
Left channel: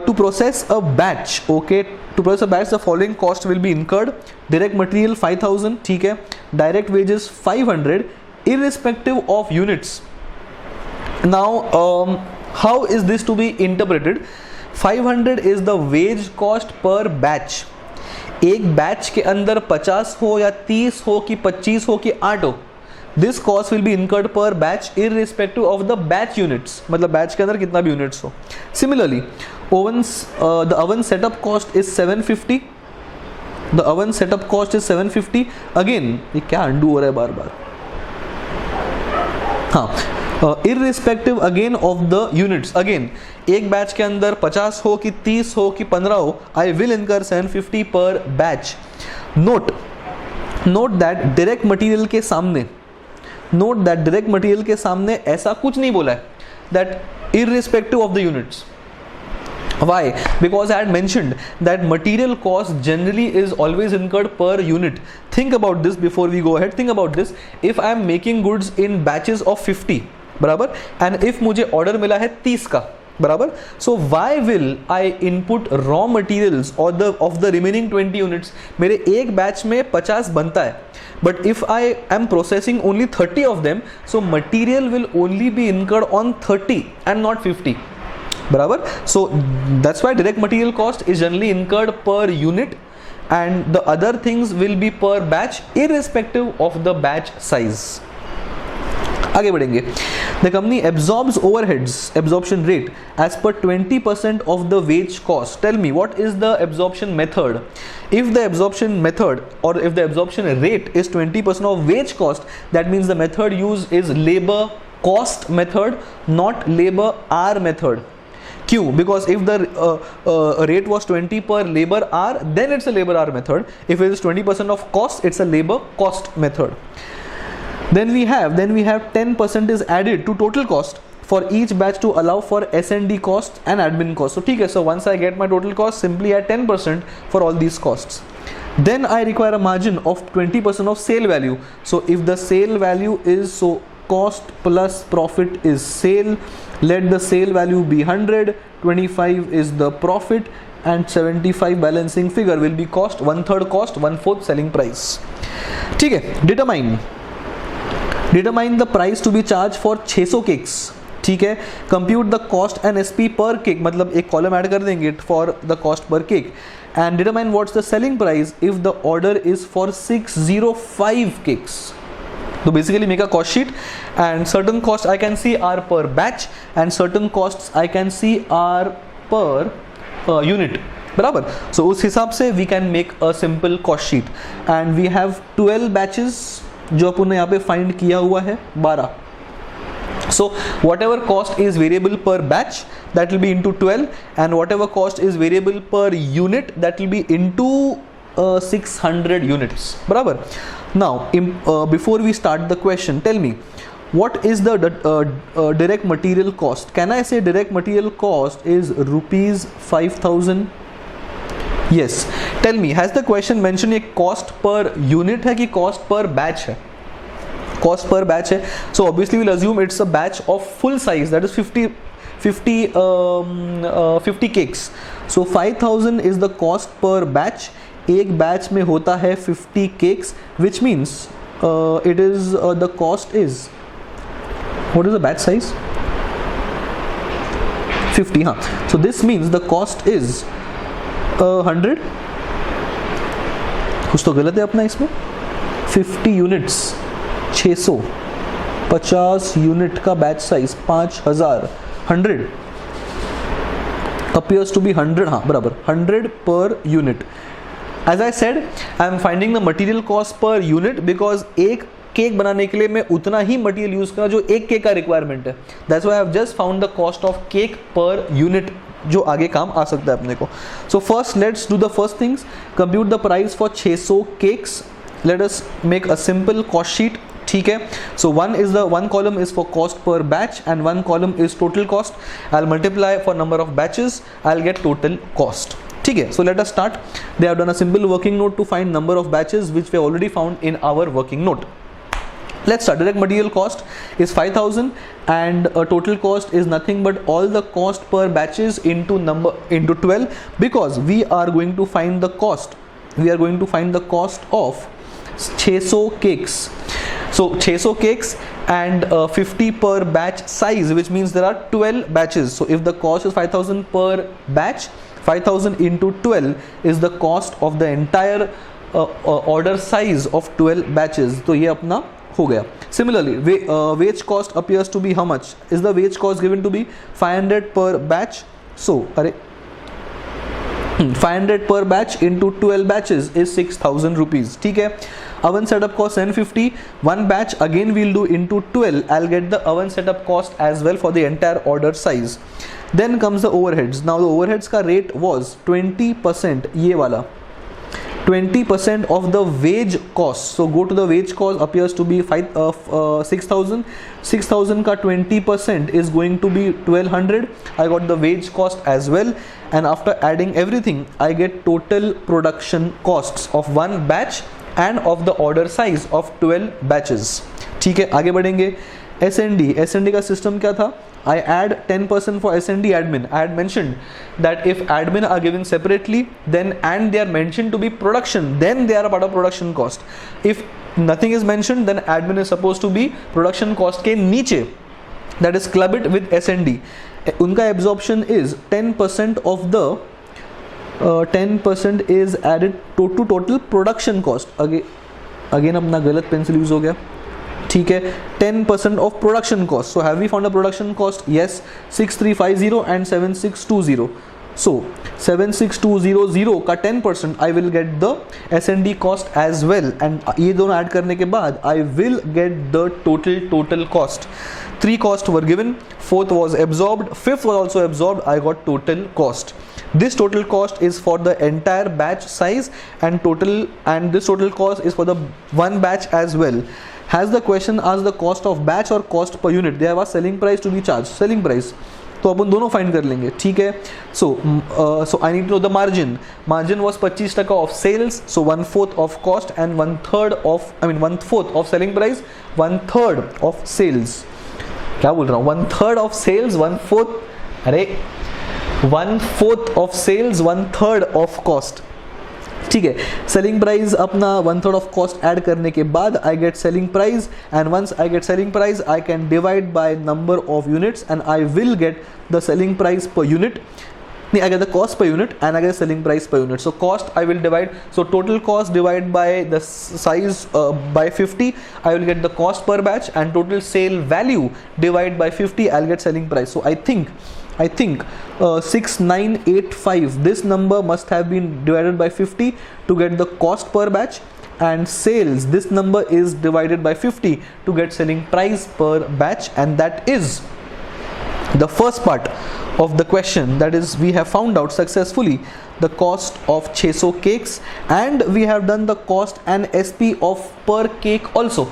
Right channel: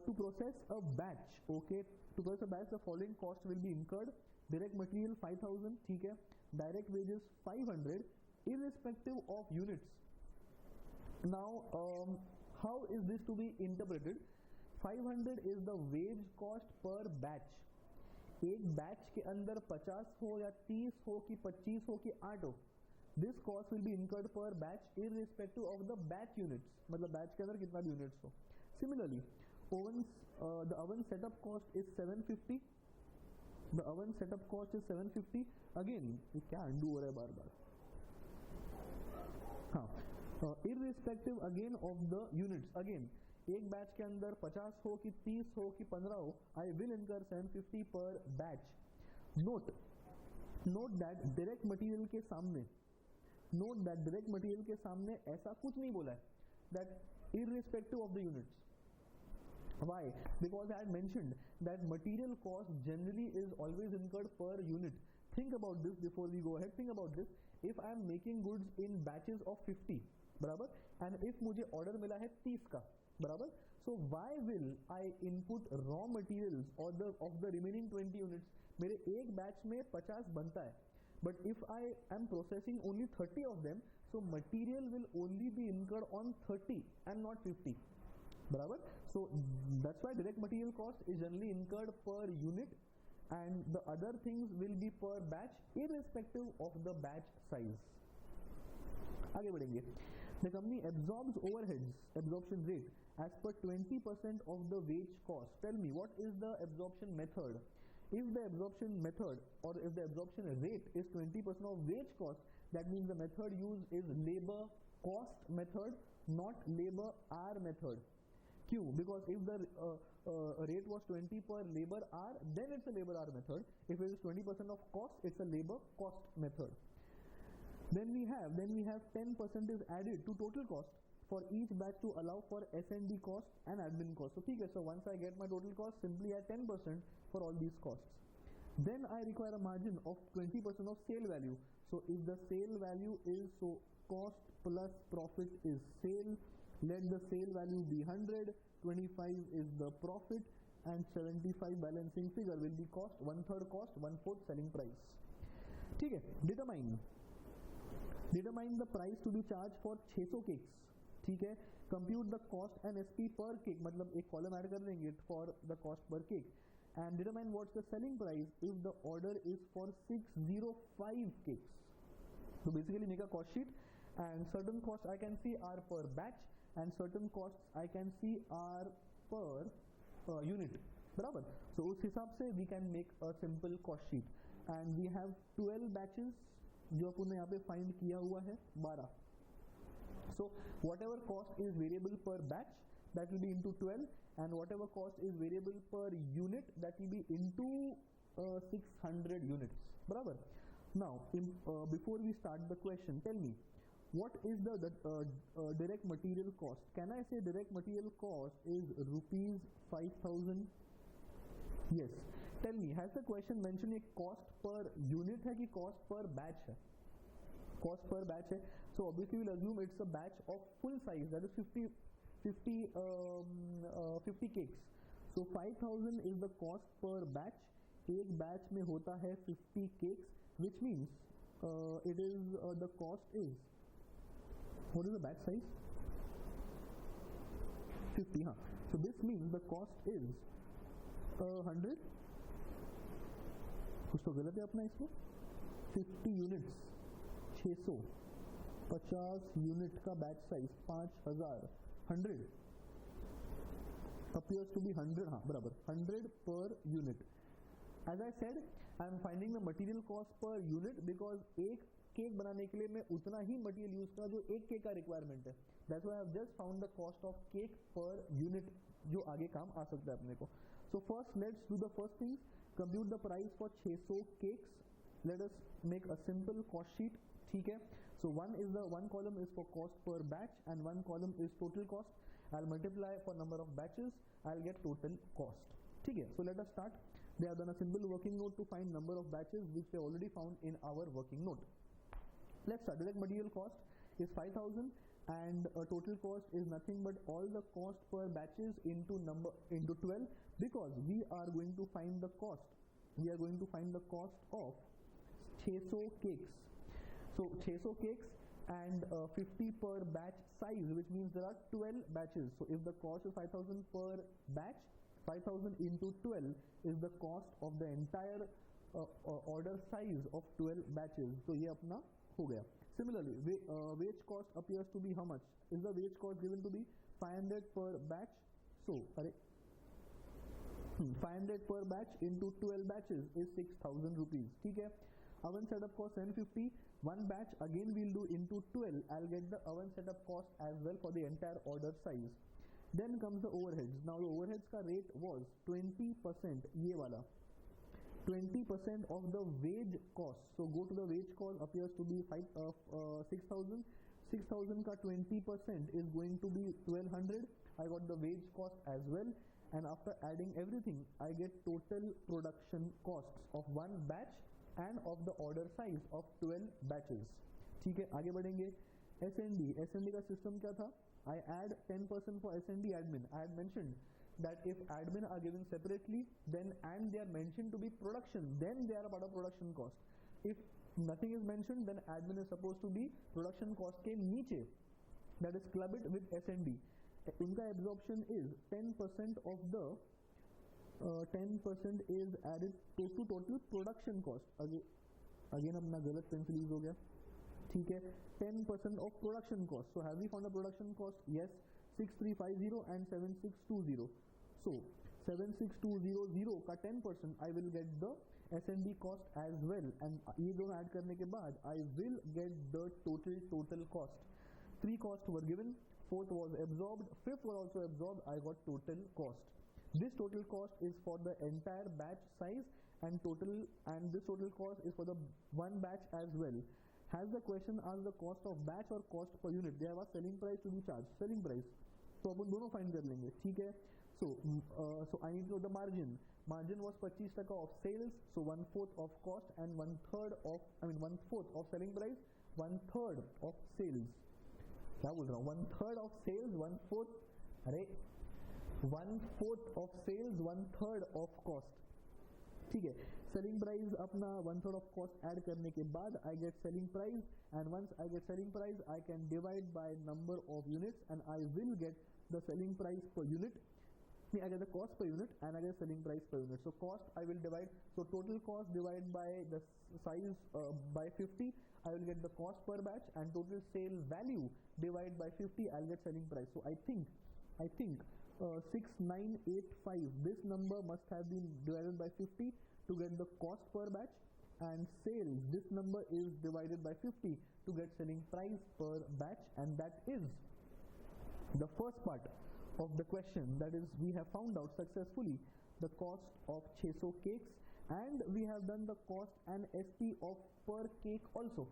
To process a batch, okay, to process a batch the following cost will be incurred. Direct material 5000, ठीक है, direct wages 500 irrespective of units. Now how is this to be interpreted? 500 is the wage cost per batch. एक batch के अंदर 50 हो या 30 हो कि 25 हो कि 8 हो, this cost will be incurred per batch irrespective of the batch units. मतलब बैच के अंदर कितना भी यूनिट्स हो. Similarly, the oven setup cost is 750. The oven setup cost is 750. Again, ये क्या undo हो रहा है बार बार. हाँ, irrespective again of the units. Again, एक बैच के अंदर 50 हो कि 30 हो कि 15 हो, I will incur 750 per batch. Note that direct material के सामने, ऐसा कुछ नहीं बोला है, that irrespective of the units. Why? Because I had mentioned that material cost generally is always incurred per unit. Think about this before we go ahead. Think about this. If I am making goods in batches of 50, बराबर, and if मुझे order मिला है 30 का, बराबर, so why will I input raw materials of the remaining 20 units? मेरे एक batch में 50 बनता है, but if I am processing only 30 of them, so material will only be incurred on 30 and not 50, बराबर. So that's why direct material cost is generally incurred per unit and the other things will be per batch irrespective of the batch size. आगे बढ़ेंगे. The company absorbs overheads, absorption rate as per 20% of the wage cost. Tell me, what is the absorption method? If the absorption method or if the absorption rate is 20% of wage cost, that means the method used is labor cost method, not labor hour method. क्यों? Because if the rate was 20 per labor hour, then it's a labor hour method. If it is 20% of cost, it's a labor cost method. Then we have 10% is added to total cost for each batch to allow for S&D cost and admin cost. So ठीक है, so once I get my total cost, simply add 10% for all these costs. Then I require a margin of 20% of sale value. So if the sale value is, so cost plus profit is sale, let the sale value be 100, 25 is the profit and 75 balancing figure will be cost, 1/3 cost, 1/4 selling price. ठीक है, determine the price to be charged for 600 cakes. ठीक है, compute the cost and SP per cake, मतलब एक column add कर देंगे for the cost per cake and determine what's the selling price if the order is for 605 cakes. So basically make a cost sheet and certain costs I can see are per batch and certain costs I can see are per unit, बराबर. So उस हिसाब से we can make a simple cost sheet and we have 12 batches जो अपन ने यहाँ पे find किया हुआ है 12. So whatever cost is variable per batch, that will be into 12 and whatever cost is variable per unit, that will be into 600 units, बराबर. Now, before we start the question, tell me, what is the direct material cost? Can I say direct material cost is rupees 5,000? Yes. Tell me, has the question mentioned a cost per unit है कि cost per batch है? Cost per batch है. So obviously we'll assume it's a batch of full size, that is 50 cakes. So 5,000 is the cost per batch. एक batch में होता है 50 cakes, which means it is the cost is, what is the batch size? 50. हाँ. So this means the cost is 100. कुछ तो गलत है अपना इसमें. 50 यूनिट्स 600, 50 यूनिट का batch size 5000, 100 appears to be 100. हाँ बराबर, 100 per unit. As I said, I am finding the material cost per unit because एक केक बनाने के लिए मैं उतना ही मटेरियल यूज करा जो एक केक का रिक्वायरमेंट है. That's why I have just found the cost of cake per unit, जो आगे काम आ सकता है अपने को. So first let's do the first things. Compute the price for 600 cakes. Let us make a simple cost sheet. ठीक है. So one column is for cost per batch and one column is total cost. I'll multiply for number of batches. I'll get total cost. ठीक है. So let us start. They have done a simple working note to find number of batches, which we already found in our working note. Let's start. Direct material cost is 5,000 and total cost is nothing but all the cost per batches into 12, because we are going to find the cost. We are going to find the cost of 600 cakes. So 600 cakes and 50 per batch size, which means there are 12 batches. So if the cost is 5,000 per batch, 5,000 into 12 is the cost of the entire order size of 12 batches. तो ये अपना हो गया. Similarly, wage cost appears to be how much? Is the wage cost given to be 500 per batch? So, 500 per batch into 12 batches is 6,000 rupees. ठीक है. Oven setup cost 750. One batch again we'll do into 12. I'll get the oven setup cost as well for the entire order size. Then comes the overheads. Now the overheads का rate was 20%. ये वाला 20% of the wage cost. So go to the wage cost, appears to be 6,000. 6,000 का 20% is going to be 1,200. I got the wage cost as well, and after adding everything I get total production costs of one batch and of the order size of 12 batches. ठीक है, आगे बढ़ेंगे. S&D का system क्या था? I add 10% for S&D admin. I had mentioned that if admin are given separately, then and they are mentioned to be production, then they are a part of production cost. If nothing is mentioned, then admin is supposed to be production cost के नीचे. That is club it with S&D. उनका absorption is 10% of the 10% is added to total production cost. Again अपना गलत pencil use हो गया. ठीक है. 10% of production cost. So have we found a production cost? Yes. 6350 and 7620. So 76200 का 10% I will get the S&D cost as well, and ये दोनों add करने के बाद I will get the total cost. 3 costs were given, 4th was absorbed, 5th was also absorbed. I got total cost. This total cost is for the entire batch size and this total cost is for the one batch as well. Has the question asked the cost of batch or cost per unit? They have asked selling price to be charged. Selling price. तो अपन दोनों find कर लेंगे. ठीक है. So I need to know the margin. Margin was 25% of sales. So 1/4 of cost and 1/4 of selling price, 1/3 of sales. क्या बोल रहा हूँ? 1/3 of sales, 1/4. अरे 1/4 of sales, 1/3 of cost. ठीक है. सेलिंग प्राइस अपना 1/3 ऑफ कॉस्ट ऐड करने के बाद I get selling price, and once I get selling price I can divide by number of units and I will get the selling price per unit. I get the cost per unit and I get the selling price per unit. So cost I will divide, so total cost divided by the size by 50, I will get the cost per batch, and total sale value divided by 50, I'll get selling price. So I think 6985, this number must have been divided by 50 to get the cost per batch, and sales, this number is divided by 50 to get selling price per batch, and that is the first part of the question, that is we have found out successfully the cost of 600 cakes and we have done the cost and SP of per cake also.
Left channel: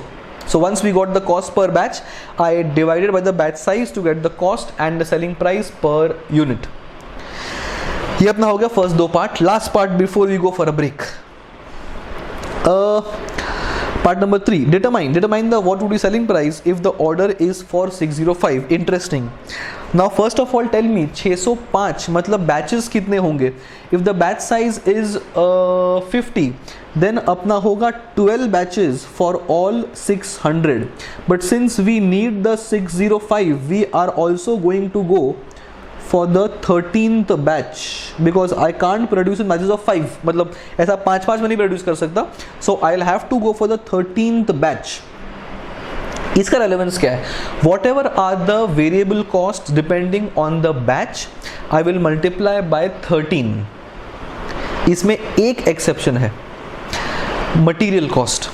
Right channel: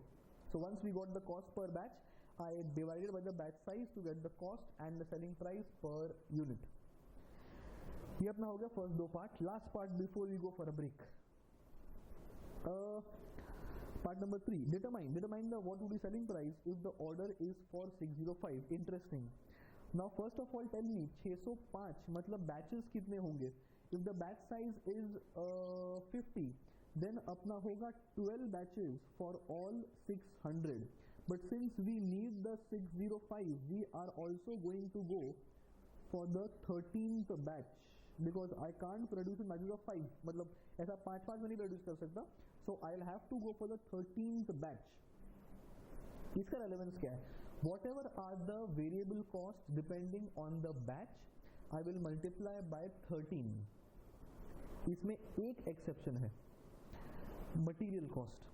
So once we got the cost per batch, I divided by the batch size to get the cost and the selling price per unit. ये अपना हो गया first दो part. Last part before we go for a break. Part number 3, determine the what would be selling price if the order is for 605. Interesting. Now first of all tell me 605 मतलब batches कितने होंगे? If the batch size is 50, then अपना होगा 12 batches for all 600. But since we need the 605, we are also going to go for the 13th batch because I can't produce in batches of 5. मतलब ऐसा 5 में नहीं produce कर सकता. So I'll have to go for the 13th batch. इसका relevance क्या है? Whatever are the variable costs depending on the batch, I will multiply by 13. इसमें एक exception है, material cost.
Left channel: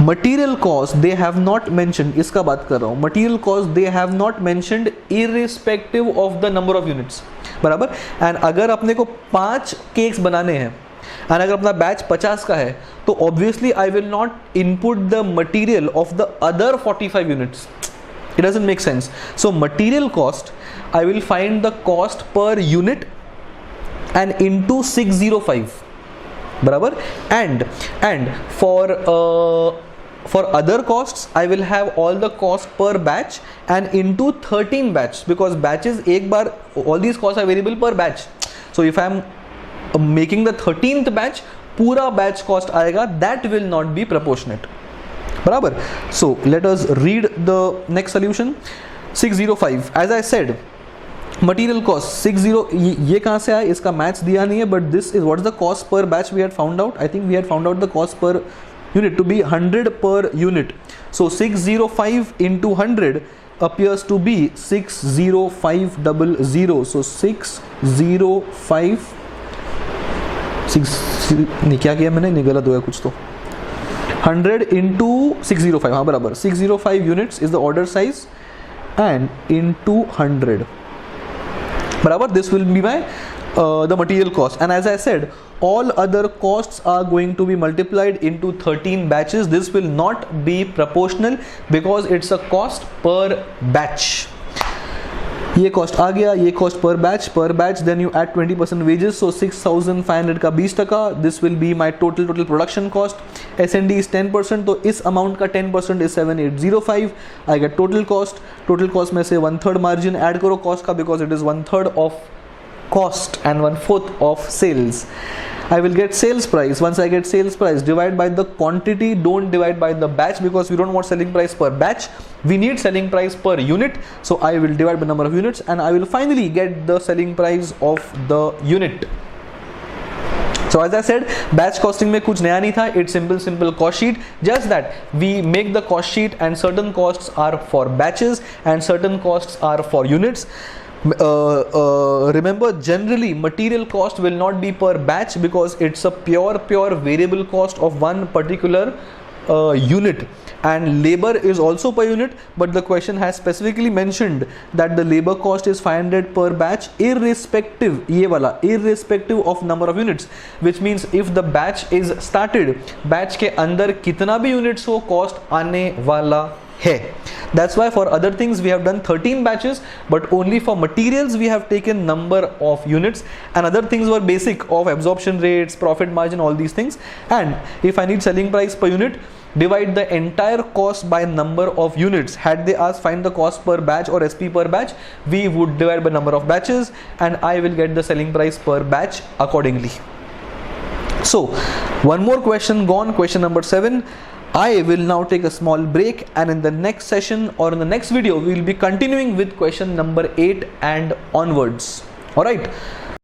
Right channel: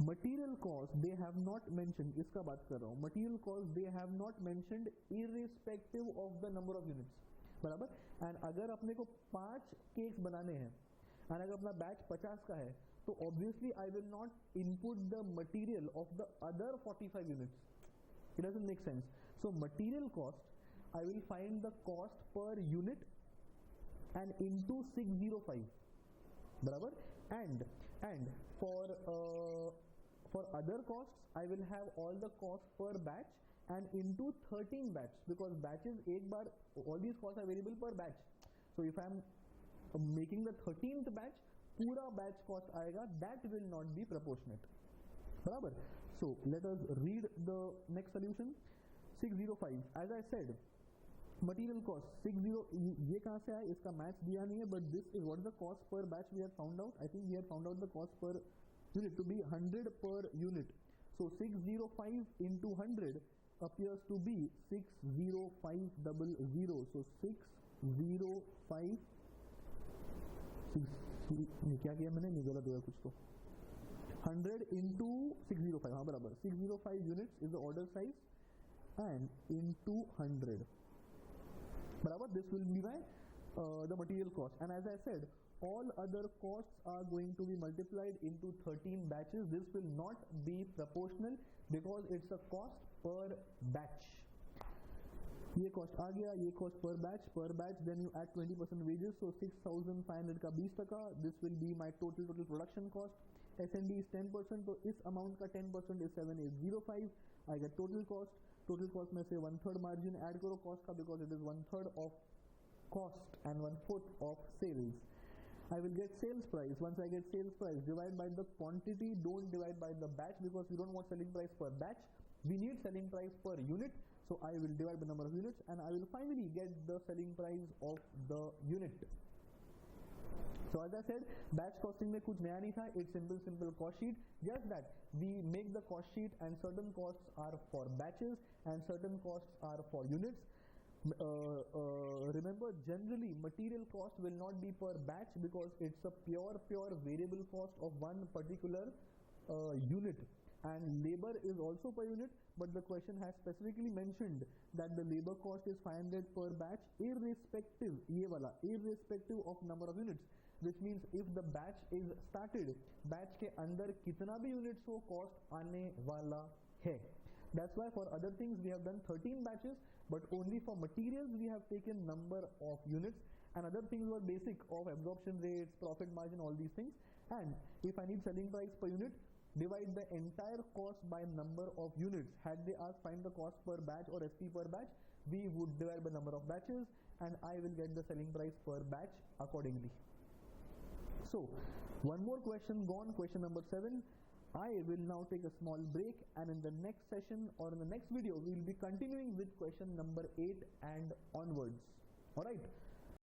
Material cost they have not mentioned, इसका बात कर रहा हूँ. Material cost they have not mentioned irrespective of the number of units, बराबर. And अगर अपने को 5 केक्स बनाने हैं and अगर अपना बैच 50 का है तो obviously I will not input the material of the other 45 units. It doesn't make sense. So material cost I will find the cost per unit and into 605, बराबर. And for other costs I will have all the cost per batch and into 13 batch because batches एक बार all these costs are variable per batch. So if I am making the 13th batch, पूरा batch cost आएगा, that will not be proportionate, बराबर. So let us read the next solution. 605 as I said, material cost 60, ये कहाँ से आया, इसका maths दिया नहीं है, but this is what is the cost per batch we had found out. I think we had found out the cost per unit to be 100 per unit. So 605 into 100 appears to be 60500. So 605 नहीं क्या किया मैंने, नहीं गलत हो गया कुछ तो. 100 into 605, हाँ बराबर. 605 units is the order size and into 100, बराबर. This will be my the material cost. And as I said, all other costs are going to be multiplied into 13 batches. This will not be proportional because it's a cost per batch. ये cost आ गया, ये cost per batch, then you add 20% wages, so 6,500 का 20%. This will be my total production cost. S&D is 10%, तो इस amount का 10% is 7,805. I get total cost में से 1/3 margin add करो cost का because it is 1/3 of cost and 1/4 of sales. I will get sales price. Once I get sales price, divide by the quantity, don't divide by the batch because we don't want selling price per batch. We need selling price per unit. So I will divide by number of units and I will finally get the selling price of the unit. So as I said, batch costing में कुछ नया नहीं था. It's simple cost sheet. Just that we make the cost sheet and certain costs are for batches and certain costs are for units. Remember, generally material cost will not be per batch because it's a pure variable cost of one particular unit, and labor is also per unit, but the question has specifically mentioned that the labor cost is 500 per batch irrespective, ये वाला irrespective of number of units, which means if the batch is started, batch के अंदर कितना भी units हो cost आने वाला है. That's why for other things we have done 13 batches, but only for materials we have taken number of units, and other things were basic of absorption rates, profit margin, all these things. And if I need selling price per unit, divide the entire cost by number of units. Had they asked find the cost per batch or SP per batch, we would divide by number of batches and I will get the selling price per batch accordingly. So one more question gone, question number 7. I will now take a small break, and in the next session or in the next video we will be continuing with question number 8 and onwards. Alright.